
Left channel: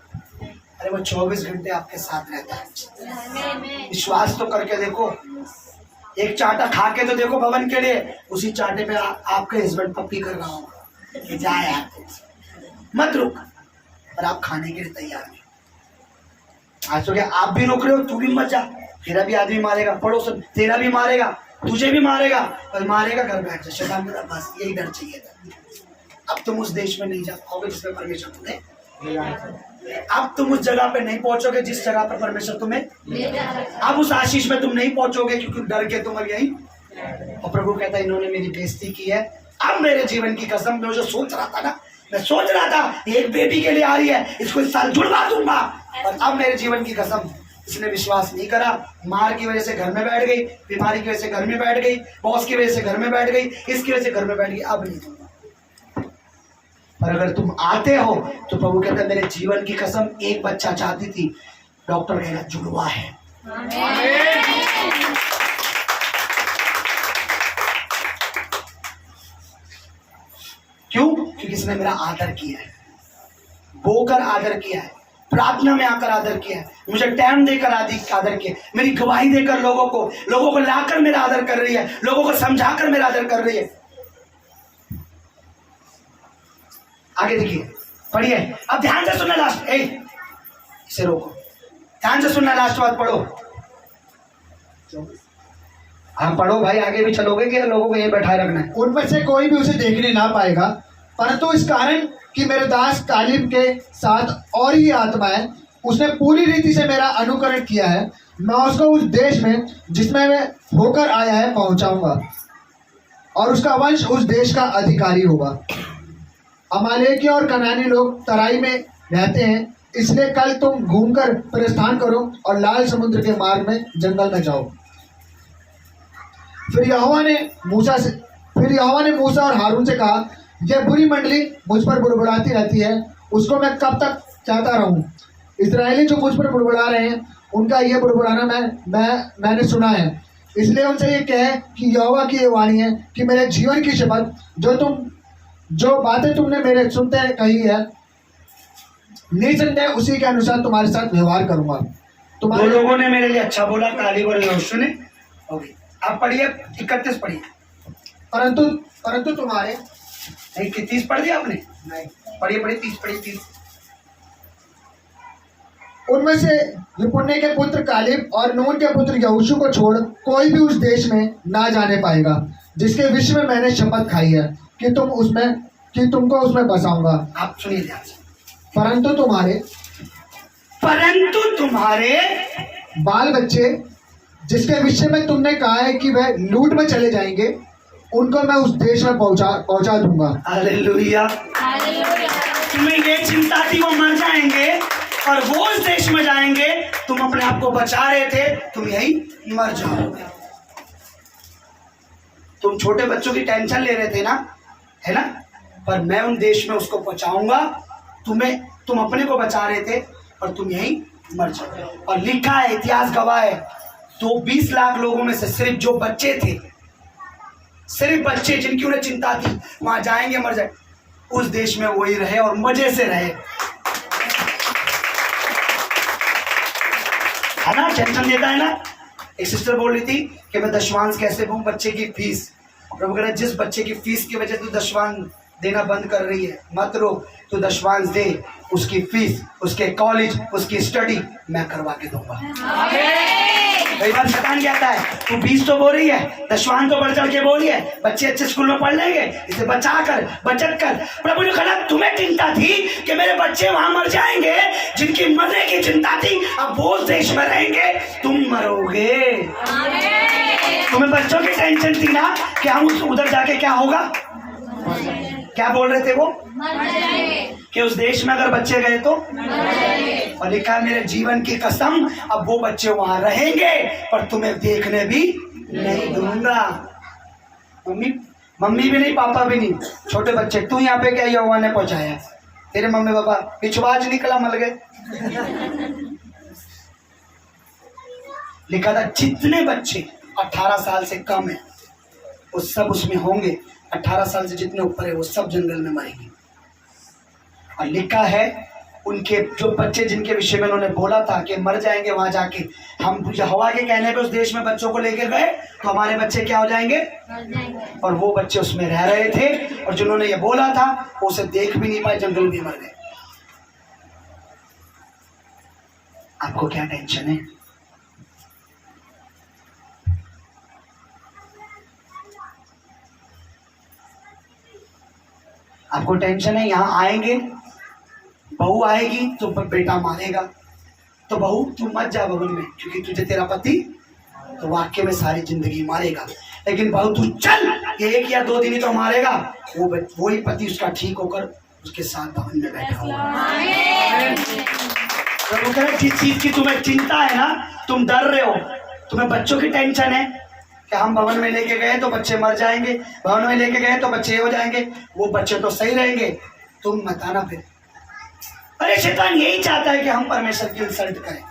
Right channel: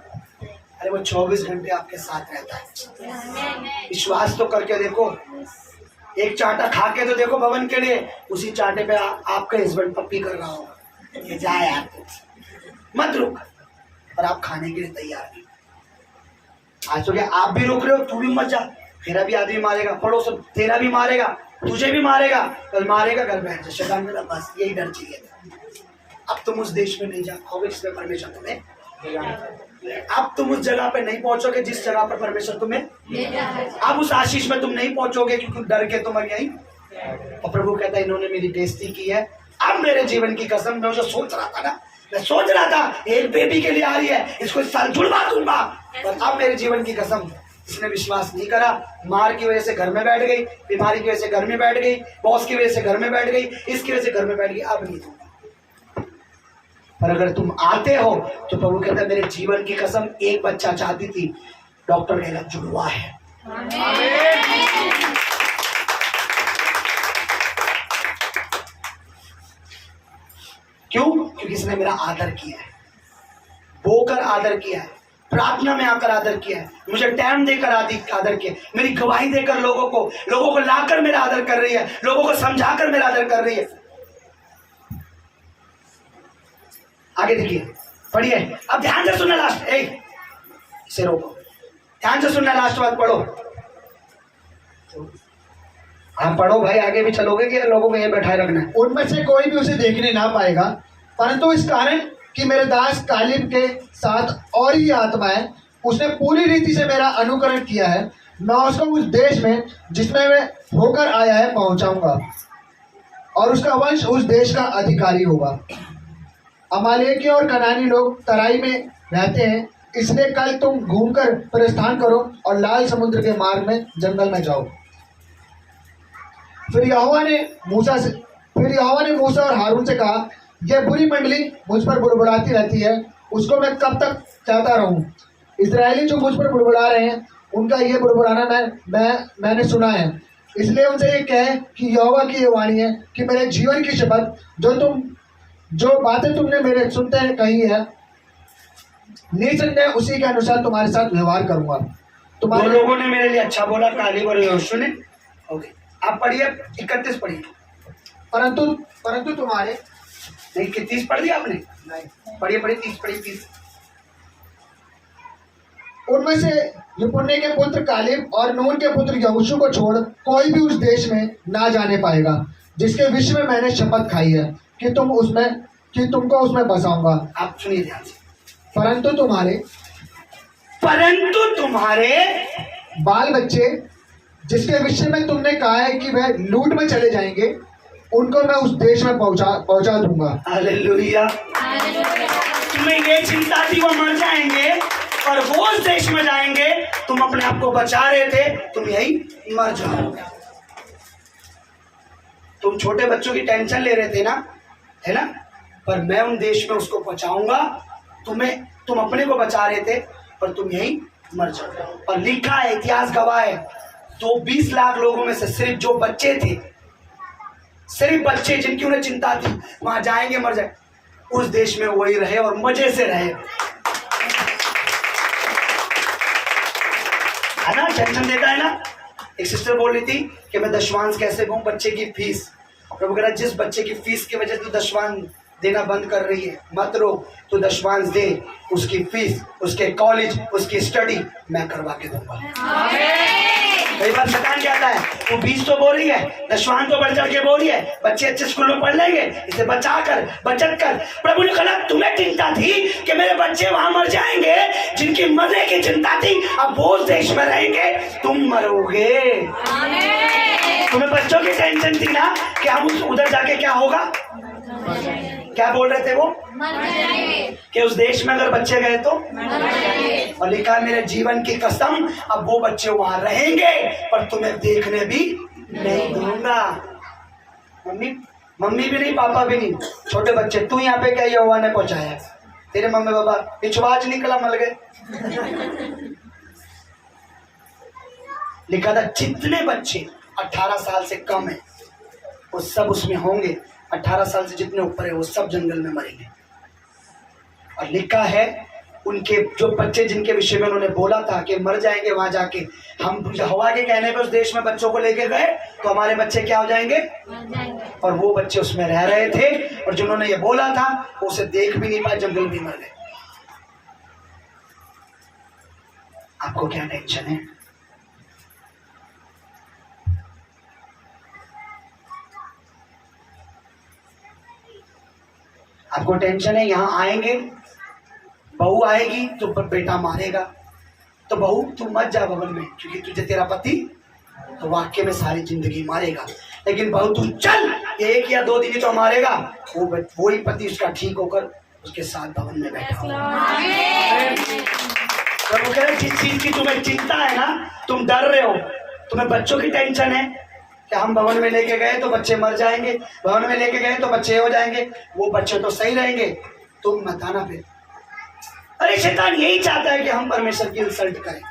अरे वो 24 घंटे आपके साथ रहता है। विश्वास तो करके देखो, एक चाटा खा के तो देखो भवन के लिए, उसी चाटे पे आपका हस्बैंड पप्पी कर रहा होगा, ये जा यार मत रुक, पर आप खाने के लिए तैयार नहीं। आज तो क्या आप भी रुक रहे हो, तू भी मत जा, तेरा भी आदमी मारेगा, पड़ोसन तेरा भी मारेगा, तुझे भी मारेगा, पर मारेगा घर बैठ जा, शैतान का बस यही डर चाहिए था। अब तुम उस देश में नहीं जा पाओगे जिसमें परमेश्वर तुम्हें, अब तुम उस जगह पे नहीं पहुंचोगे जिस जगह पर परमेश्वर तुम्हें, अब उस आशीष में तुम नहीं पहुंचोगे, क्योंकि डर के तुम अब यही। और प्रभु कहता है इन्होंने मेरी बेइज्जती की है, अब मेरे जीवन की कसम, मैं जो सोच रहा था ना, मैं सोच रहा था एक बेबी के लिए आ रही है, इसको इस साल जुड़वा दूंगा, पर अब मेरे जीवन की कसम, इसने विश्वास नहीं करा, मार की वजह से घर में बैठ गई, बीमारी की वजह से घर में बैठ गई, बॉस की वजह से घर में बैठ गई, इसकी वजह से घर में बैठ गई, अब नहीं दूंगा। पर अगर तुम आते हो तो प्रभु कहता है मेरे जीवन की कसम, एक बच्चा चाहती थी, डॉक्टर कहना जुड़वा है। क्यों? क्योंकि इसने मेरा आदर किया है, बोकर आदर किया है, प्रार्थना में आकर आदर किया है, मुझे टाइम देकर आदर किया, मेरी गवाही देकर लोगों को लाकर मेरा आदर कर रही है, लोगों को समझाकर मेरा आदर कर रही है। आगे देखिए, पढ़िए, अब ध्यान से सुनना, लास्ट इसे रोको, ध्यान से सुनना, लास्ट बात पढ़ो। हम पढ़ो भाई, आगे भी चलोगे कि लोगों को ये बैठाए रखना है? उनमें से कोई भी उसे देखने ना पाएगा, परंतु इस कारण कि मेरे दास कालिब के साथ और ही आत्मा है, उसने पूरी रीति से मेरा अनुकरण किया है, मैं उसको उस देश में जिसमें वह होकर आया है पहुंचाऊंगा, और उसका वंश उस देश का अधिकारी होगा। अमालेकी और कनानी लोग तराई में रहते हैं, इसलिए कल तुम घूमकर प्रस्थान करो और लाल समुद्र के मार्ग में जंगल में जाओ। फिर यहोवा ने मूसा और हारून से कहा, यह बुरी मंडली मुझ पर बुड़बुड़ाती रहती है, उसको मैं कब तक कहता रहूं? इस्राएली जो मुझ पर बुड़बुड़ा रहे हैं, उनका यह बुड़बुड़ाना मैंने सुना है, इसलिए उनसे ये कहे कि यहोवा की ये वाणी है कि मेरे जीवन की शपथ, जो बातें तुमने मेरे सुनते कही है, निसंदेह उसी के अनुसार तुम्हारे साथ व्यवहार करूंगा। दो लोगों ने मेरे लिए अच्छा बोला, कालिब और यहोशू ने। ओके, आप पढ़िए 31 पढ़िए। परंतु तुम्हारे नहीं, 30 पढ़ दिया आपने? नहीं, पढ़िए 30। उनमें से यपुन्ने के पुत्र कालिब और नून के पुत्र यहोशू को छोड़ कोई भी उस देश में ना जाने पाएगा, जिसके विषय में मैंने शपथ खाई है कि तुमको उसमें बसाऊंगा। आप सुनिए ध्यान से, परंतु तुम्हारे बाल बच्चे, जिसके विषय में तुमने कहा है कि वह लूट में चले जाएंगे, उनको मैं उस देश में पहुंचा दूंगा। हालेलुया। तुम्हें ये चिंता थी वो मर जाएंगे और वो उस देश में जाएंगे, तुम अपने आप को बचा रहे थे, तुम यही मर जाओगे। तुम छोटे बच्चों की टेंशन ले रहे थे ना, है ना, पर मैं उन देश में उसको पहुंचाऊंगा। तुम अपने को बचा रहे थे और तुम यही मर जाओगे। और लिखा है, इतिहास गवाह है, तो 20 लाख लोगों में से सिर्फ जो बच्चे थे, सिर्फ बच्चे जिनकी उन्हें चिंता थी वहां जाएंगे मर जाए, उस देश में वही रहे और मजे से रहे, है ना। टेंशन देता है ना। एक सिस्टर बोल रही थी कि मैं दशवांश कैसे दूं बच्चे की फीस। प्रभु कह रहा है जिस बच्चे की फीस की वजह से तू दशवांश देना बंद कर रही है, मत रोक, तो दशवांश दे, उसकी फीस, उसके कॉलेज, उसकी स्टडी मैं करवा के दूंगा। कई बार शैतान कहता है तू 20 तो बोल रही है, दशवान तो बढ़ चढ़ के बोल रही है, बच्चे अच्छे स्कूल में पढ़ लेंगे, इसे बचा कर बचत कर। प्रभु ने कहा तुम्हें चिंता थी कि मेरे बच्चे वहां मर जाएंगे, जिनकी मरने की चिंता थी अब वो उस देश में रहेंगे, तुम मरोगे। तुम्हें बच्चों की टेंशन थी ना कि हम उधर जाके क्या होगा, क्या बोल रहे थे वो कि उस देश में अगर बच्चे गए तो, और लिखा है मेरे जीवन की कसम अब वो बच्चे वहां रहेंगे पर तुम्हें देखने भी नहीं दूंगा। मम्मी भी नहीं, पापा भी नहीं, छोटे बच्चे। तू यहाँ पे क्या यहोवा ने पहुंचाया, तेरे मम्मी पापा पिछवाज निकला मल गए। लिखा था जितने बच्चे 18 साल से कम है वो सब उसमें होंगे, 18 साल से जितने ऊपर है वो सब जंगल में मरेंगे। और लिखा है उनके जो बच्चे जिनके विषय में उन्होंने बोला था कि मर जाएंगे वहां जाके, हम यहोवा के कहने पे उस देश में बच्चों को लेके गए तो हमारे बच्चे क्या हो जाएंगे, और वो बच्चे उसमें रह रहे थे और जिन्होंने ये बोला था वो उसे देख भी नहीं पाए, जंगल भी मर गए। आपको क्या टेंशन है? आपको टेंशन है यहाँ आएंगे, बहू आएगी तो बेटा मारेगा, तो बहू तू मत जा भवन में क्योंकि तुझे तेरा पति तो वाक्य में सारी जिंदगी मारेगा, लेकिन बहू तू चल, ये 1 या 2 दिन ही तो मारेगा, वही पति उसका ठीक होकर उसके साथ भवन में बैठा होगा। प्रभु कह रहे जिस चीज की तुम्हें चिंता है ना, तुम डर रहे हो, तुम्हें बच्चों की टेंशन है कि हम भवन में लेके गए तो बच्चे मर जाएंगे, भवन में लेके गए तो बच्चे हो जाएंगे, वो बच्चे तो सही रहेंगे, तुम मत आना फिर। अरे शैतान यही चाहता है कि हम परमेश्वर की इंसल्ट करें,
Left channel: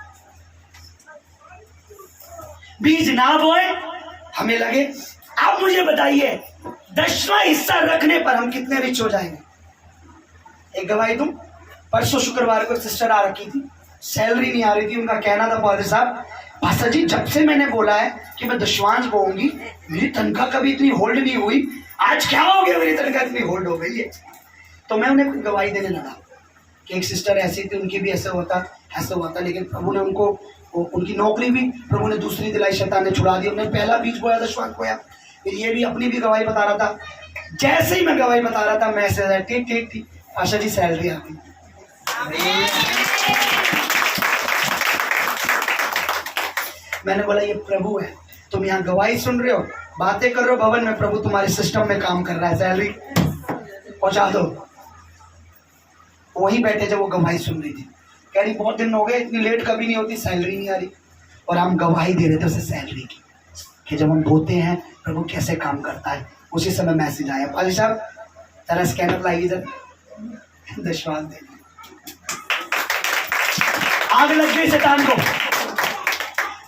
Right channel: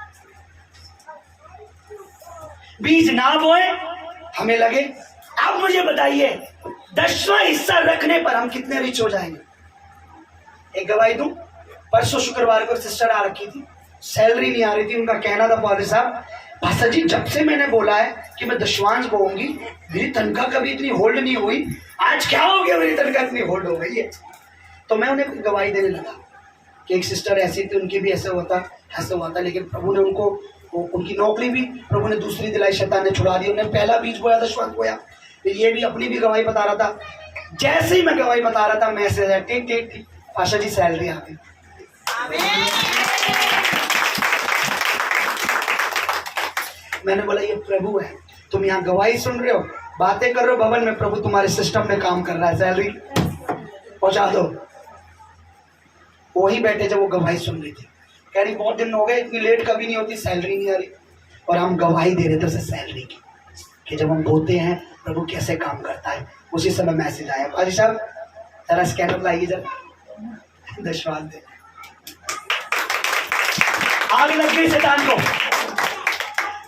बीज ना बोए हमें लगे। आप मुझे बताइए 10वां हिस्सा रखने पर हम कितने रिच हो जाएंगे? एक गवाही दूं, परसों शुक्रवार को सिस्टर आ रखी थी, सैलरी नहीं आ रही थी, उनका कहना था पादरी साहब पास्टर जी जब से मैंने बोला है कि मैं दशवांश बोऊंगी मेरी तनख्वाह कभी इतनी होल्ड नहीं हुई, आज क्या हो गया मेरी तनख्वाह इतनी होल्ड हो गई है। तो मैं उन्हें गवाही देने लगा कि एक सिस्टर ऐसी थी, उनकी भी ऐसे हुआ था, लेकिन प्रभु ने उनको उनकी नौकरी भी प्रभु ने दूसरी दिलाई, शैतान ने छुड़ा दी। उन्होंने पहला बीज बोया, दशवांश बोया। फिर ये भी अपनी भी गवाही बता रहा था, जैसे ही मैं गवाही बता रहा था मैसेज है ठीक आशा जी सैलरी आ गई। मैंने बोला ये प्रभु है, तुम यहाँ गवाही सुन रहे हो, बातें कर रहे हो भवन में, प्रभु तुम्हारे सिस्टम में काम कर रहा है, सैलरी पहुंचा दो। वही बैठे जब वो गवाही सुन रही थी, कह रही बहुत दिन हो गए, इतनी लेट कभी नहीं होती, सैलरी नहीं आ रही, और हम गवाही दे रहे थे उसे सैलरी की कि जब हम बोलते हैं प्रभु कैसे काम करता है। उसी समय मैसेज आया, पाजी साहब जरा स्कैनर लाइए जरा, दशवांश दे। आग लग गई शैतान को,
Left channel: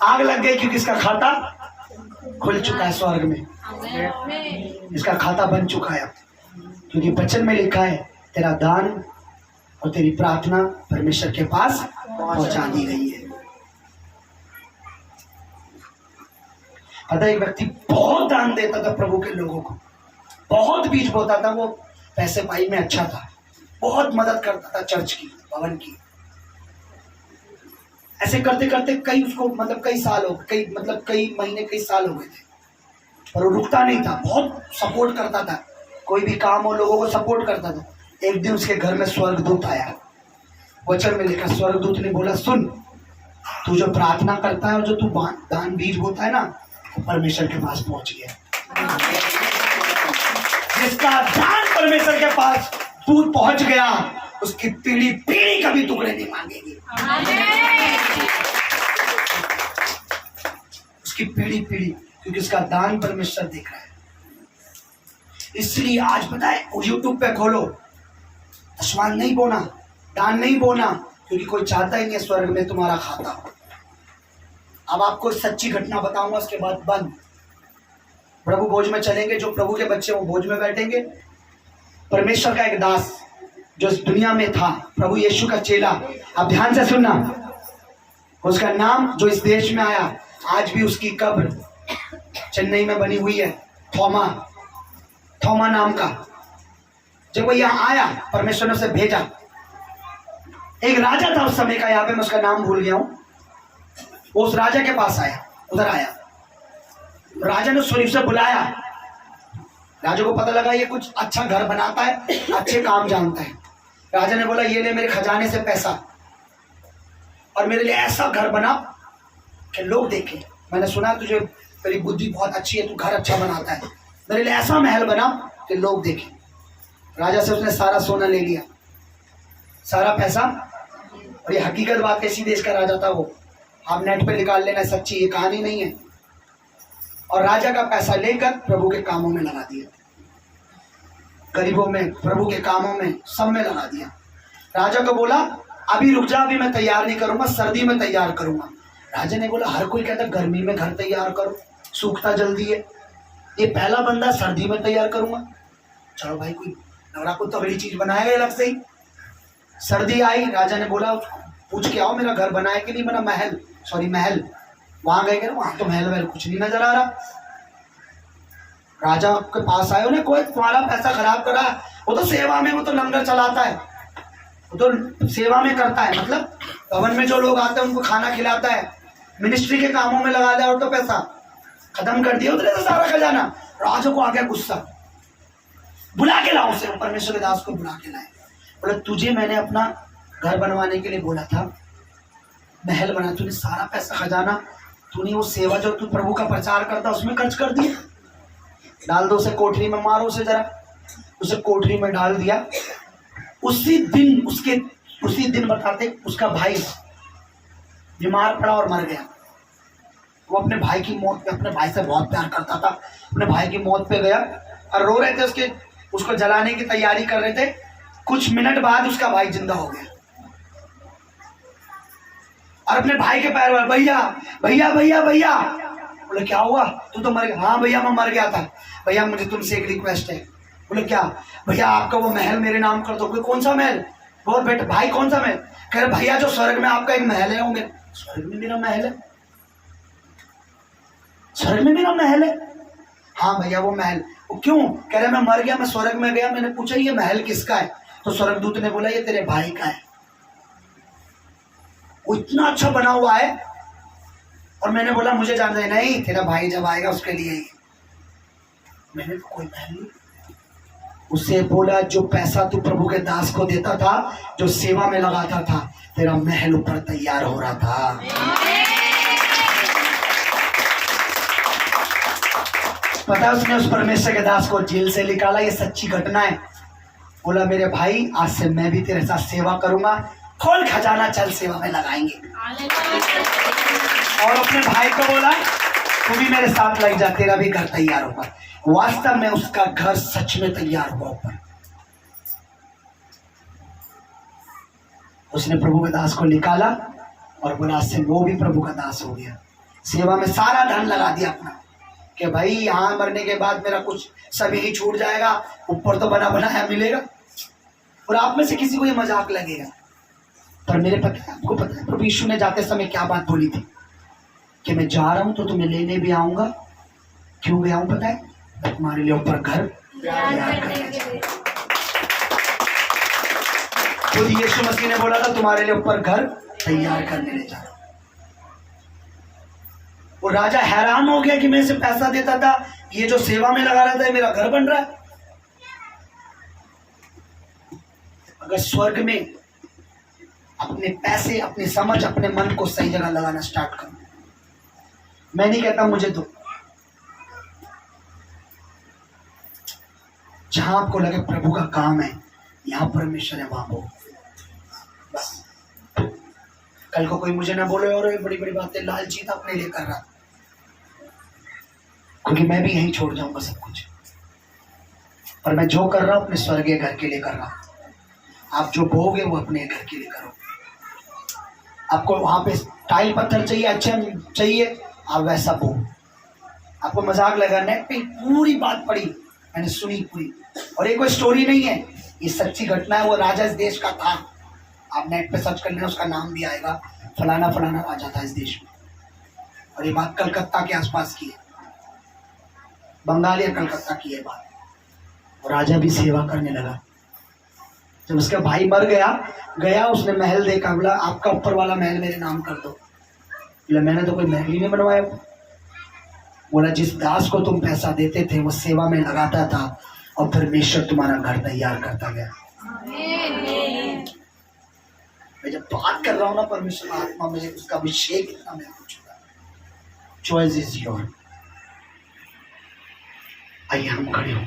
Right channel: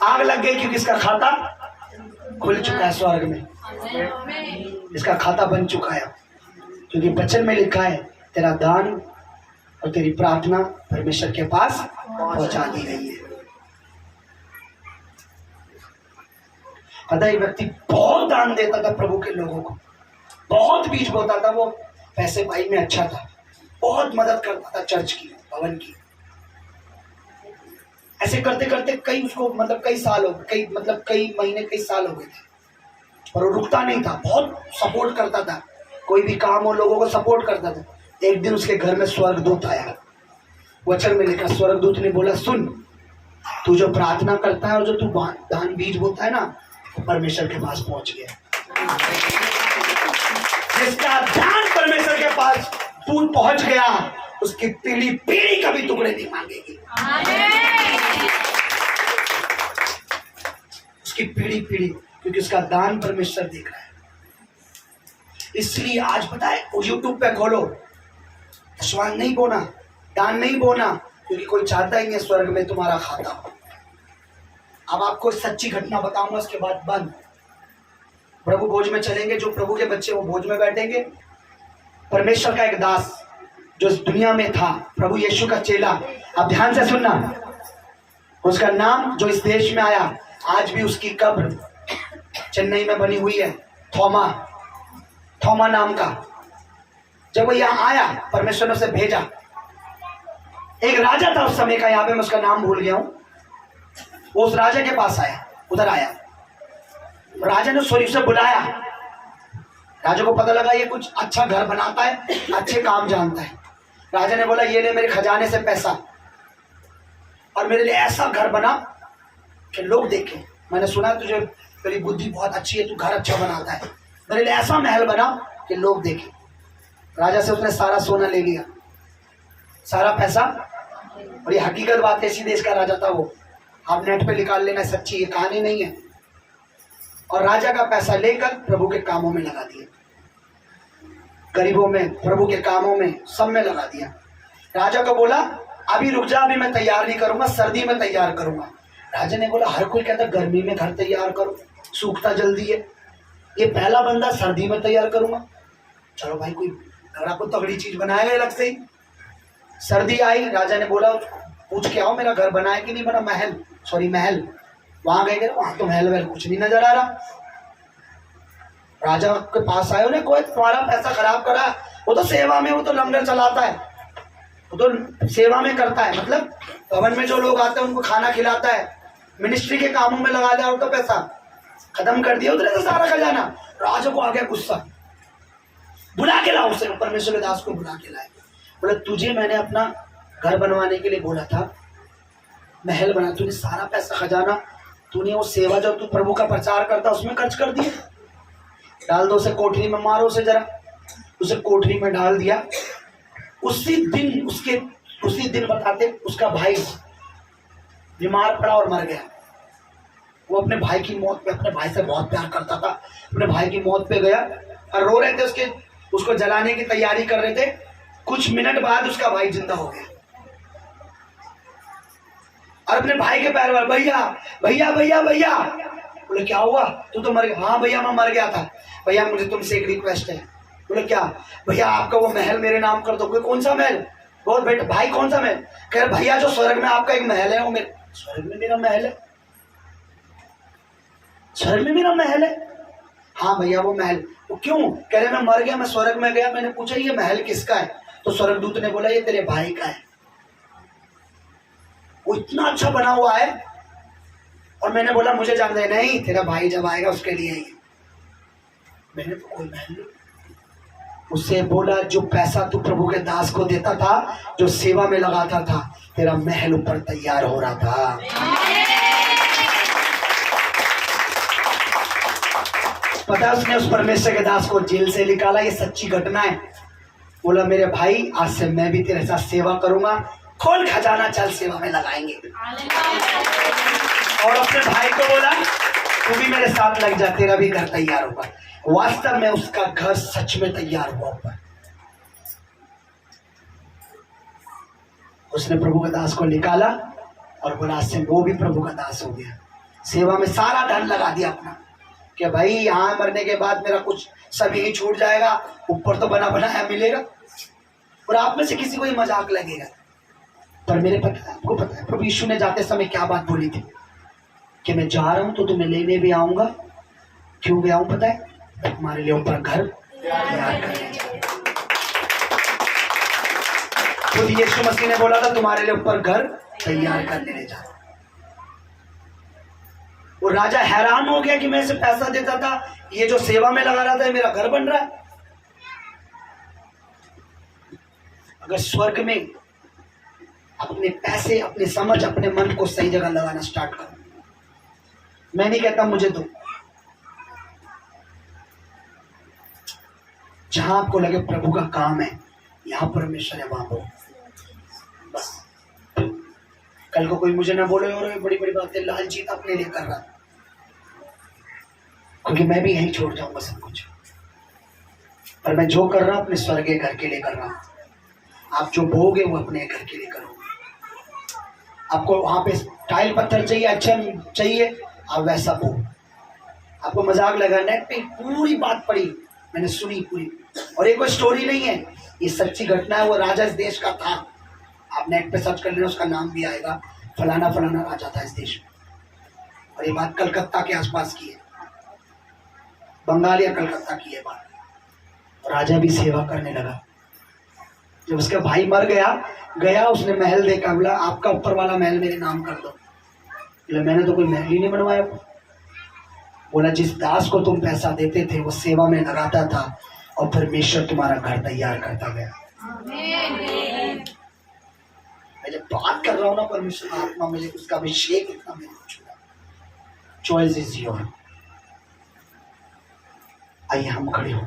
आग लग गई क्योंकि इसका खाता खुल चुका है स्वर्ग में, इसका खाता बन चुका है, क्योंकि वचन में लिखा है तेरा दान और तेरी प्रार्थना परमेश्वर के पास पहुंचा दी गई है। पता है एक व्यक्ति बहुत दान देता था प्रभु के लोगों को, बहुत बीज बोता था, वो पैसे पाई में अच्छा था, बहुत मदद करता था चर्च की, भवन की। ऐसे करते करते कई साल हो गए, कई महीने कई साल हो गए थे, पर वो रुकता नहीं था, बहुत सपोर्ट करता था, कोई भी काम हो लोगों को सपोर्ट करता था। एक दिन उसके घर में स्वर्गदूत आया, वचन में लिखा, स्वर्गदूत ने बोला सुन, तू जो प्रार्थना करता है और जो तू दान बीज बोता है ना, वो परमेश्वर के पास पहुंच गया। जिसका दान परमेश्वर के पास दूध पहुंच गया, उसकी पीढ़ी कभी टुकड़े नहीं मांगेगी। उसकी पीढ़ी क्योंकि उसका दान परमेश्वर देख रहा है। इसलिए आज पता है यूट्यूब पे खोलो, दशवांश नहीं बोना, दान नहीं बोना, क्योंकि कोई चाहता ही नहीं है स्वर्ग में तुम्हारा खाता हो। अब आपको सच्ची घटना बताऊंगा, उसके बाद बंद। प्रभु भोज में चलेंगे, जो प्रभु के बच्चे वो भोज में बैठेंगे। परमेश्वर का एक दास जो इस दुनिया में था, प्रभु यीशु का चेला, अब ध्यान से सुनना, उसका नाम जो इस देश में आया, आज भी उसकी कब्र चेन्नई में बनी हुई है, थोमा नाम का। जब वो यहाँ आया, परमेश्वर ने उसे भेजा। एक राजा था उस समय का, यहाँ पे मैं उसका नाम भूल गया हूँ, वो उस राजा के पास आया उधर आया, राजा ने सोरी उसे बुलाया। राजा को पता लगा ये कुछ अच्छा घर बनाता है, अच्छे काम जानता है। राजा ने बोला ये ले मेरे खजाने से पैसा और मेरे लिए ऐसा घर बना कि लोग देखें, मैंने सुना तुझे तेरी बुद्धि बहुत अच्छी है, तू घर अच्छा बनाता है, मेरे लिए ऐसा महल बना कि लोग देखें। राजा से उसने सारा सोना ले लिया, सारा पैसा। और ये हकीकत बात है, इसी देश का राजा था वो, आप नेट पे निकाल लेना, सच्ची ये कहानी नहीं है। और राजा का पैसा लेकर प्रभु के कामों में लगा दिया, गरीबों में, प्रभु के कामों में, सब में लगा दिया। राजा को बोला अभी रुक जा, अभी मैं तैयार नहीं करूंगा, सर्दी में तैयार करूंगा। राजा ने बोला हर कोई कहता गर्मी में घर तैयार करो, सूखता जल्दी है, ये पहला बंदा सर्दी में तैयार करूंगा। चलो भाई कोई नवरा को तगड़ी चीज बनाएगा अलग से ही। सर्दी आई, राजा ने बोला पूछ के आओ मेरा घर बना है कि नहीं बना, महल, सॉरी महल। वहां गए, वहां तो महल वहल कुछ नहीं नजर आ रहा। राजा के पास आए, उन्हें कोई तुम्हारा पैसा खराब करा, वो तो सेवा में, वो तो लंगर चलाता है, वो तो सेवा में करता है, मतलब भवन में जो लोग आते हैं उनको खाना खिलाता है, मिनिस्ट्री के कामों में लगा दिया और तो पैसा खत्म कर दिया उधर से सारा खजाना। राजा को आ गया गुस्सा, बुला के लाओ उसे, परमेश्वर के दास को बुला के लाए। बोला तुझे मैंने अपना घर बनवाने के लिए बोला था, महल बना, तूने सारा पैसा खजाना, तूने वो सेवा जो तू प्रभु का प्रचार करता उसमें खर्च कर दिया, डाल दो उसे कोठरी में, मारो उसे जरा। उसे कोठरी में डाल दिया। उसी दिन बताते उसका भाई बीमार पड़ा और मर गया। वो अपने भाई की मौत पे, अपने भाई से बहुत प्यार करता था, अपने भाई की मौत पे गया और रो रहे थे, उसको जलाने की तैयारी कर रहे थे। कुछ मिनट बाद उसका भाई जिंदा हो गया और अपने भाई के पैर में, भैया भैया भैया भैया। बोले क्या हुआ, तू तो मर गया? हाँ भैया मैं मर गया था। भैया मुझे तुमसे एक रिक्वेस्ट है। बोले क्या? भैया आपका वो महल मेरे नाम कर दो। कोई कौन सा महल? बहुत बेटा भाई कौन सा महल? कह रहे भैया जो स्वर्ग में आपका एक महल है, वो मेरे स्वर्ग में मेरा महल है, स्वर्ग में मेरा महल है। हाँ भैया वो महल। वो क्यों? कह रहे मैं मर गया, मैं स्वर्ग में गया, मैंने पूछा ये महल किसका है, तो स्वर्गदूत ने बोला ये तेरे भाई का है, वो इतना अच्छा बना हुआ है। और मैंने बोला मुझे जानता है? नहीं, तेरा भाई जब आएगा उसके लिए ही। मैंने तो कोई महल नहीं। उससे बोला जो पैसा तू प्रभु के दास को देता था, जो सेवा में लगाता था, तेरा महल ऊपर तैयार हो रहा था। पता है उसने उस परमेश्वर के दास को जेल से निकाला, ये सच्ची घटना है। बोला मेरे भाई आज से मैं भी तेरे साथ सेवा करूंगा, खोल खजाना, चल सेवा में लगाएंगे। और अपने भाई को बोला तू भी मेरे साथ लग जा, तेरा भी घर तैयार होगा। वास्तव में उसका घर सच में तैयार हुआ ऊपर। उसने प्रभु का दास को निकाला और बोला आज से वो भी प्रभु का दास हो गया। सेवा में सारा धन लगा दिया अपना कि भाई यहाँ मरने के बाद मेरा कुछ सभी ही छूट जाएगा, ऊपर तो बना बनाया मिलेगा। और आप में से किसी को ये मजाक लगेगा, पर मेरे पता है, आपको पता है प्रभु यीशु ने जाते समय क्या बात बोली थी कि मैं जा रहा हूं तो तुम्हें लेने भी आऊंगा। क्यों गया हूं पता है? तुम्हारे लिए ऊपर घर तैयार करने। खुद यीशु मसीह ने बोला था तुम्हारे लिए ऊपर घर तैयार करने ले जा। वो राजा हैरान हो गया कि मैं इसे पैसा देता था, ये जो सेवा में लगा रहा था, मेरा घर बन रहा है। अगर स्वर्ग में अपने पैसे, अपने समझ, अपने मन को सही जगह लगाना स्टार्ट करो, मैं नहीं कहता मुझे दो, जहां आपको लगे प्रभु का काम है, यहां परमेश्वर है, वहां वो बस। कल को कोई मुझे ना बोले और बड़ी बड़ी बातें लालची था अपने लिए कर रहा, क्योंकि मैं भी यहीं छोड़ जाऊंगा सब कुछ। पर मैं जो कर रहा हूं अपने स्वर्गीय घर के लिए कर रहा हूं। आप जो बोगे वो अपने घर के लिए करो। आपको वहां पे टाइल पत्थर चाहिए, अच्छा चाहिए, आप वैसा बो। आपको मजाक लगा, नेट पे पूरी बात पड़ी, मैंने सुनी पूरी, और ये कोई स्टोरी नहीं है, ये सच्ची घटना है। वो राजा इस देश का था, आप नेट पे सर्च कर लेना, उसका नाम भी आएगा, फलाना फलाना राजा था इस देश में। और ये बात कलकत्ता के आसपास की है, बंगाल या कलकत्ता की है बात। और राजा भी सेवा करने लगा। जब उसका भाई मर गया उसने महल देखा, बोला आपका ऊपर वाला महल मेरे नाम कर दो। बोले मैंने तो कोई महल ही नहीं बनवाया। बोला जिस दास को तुम पैसा देते थे वो सेवा में लगाता था और परमेश्वर तुम्हारा घर तैयार करता गया। मैं जब बात कर रहा हूँ ना परमेश्वर आत्मा में उसका अभिषेक इतना मेरे को छुआ। Choice is your. आइए हम खड़े हो।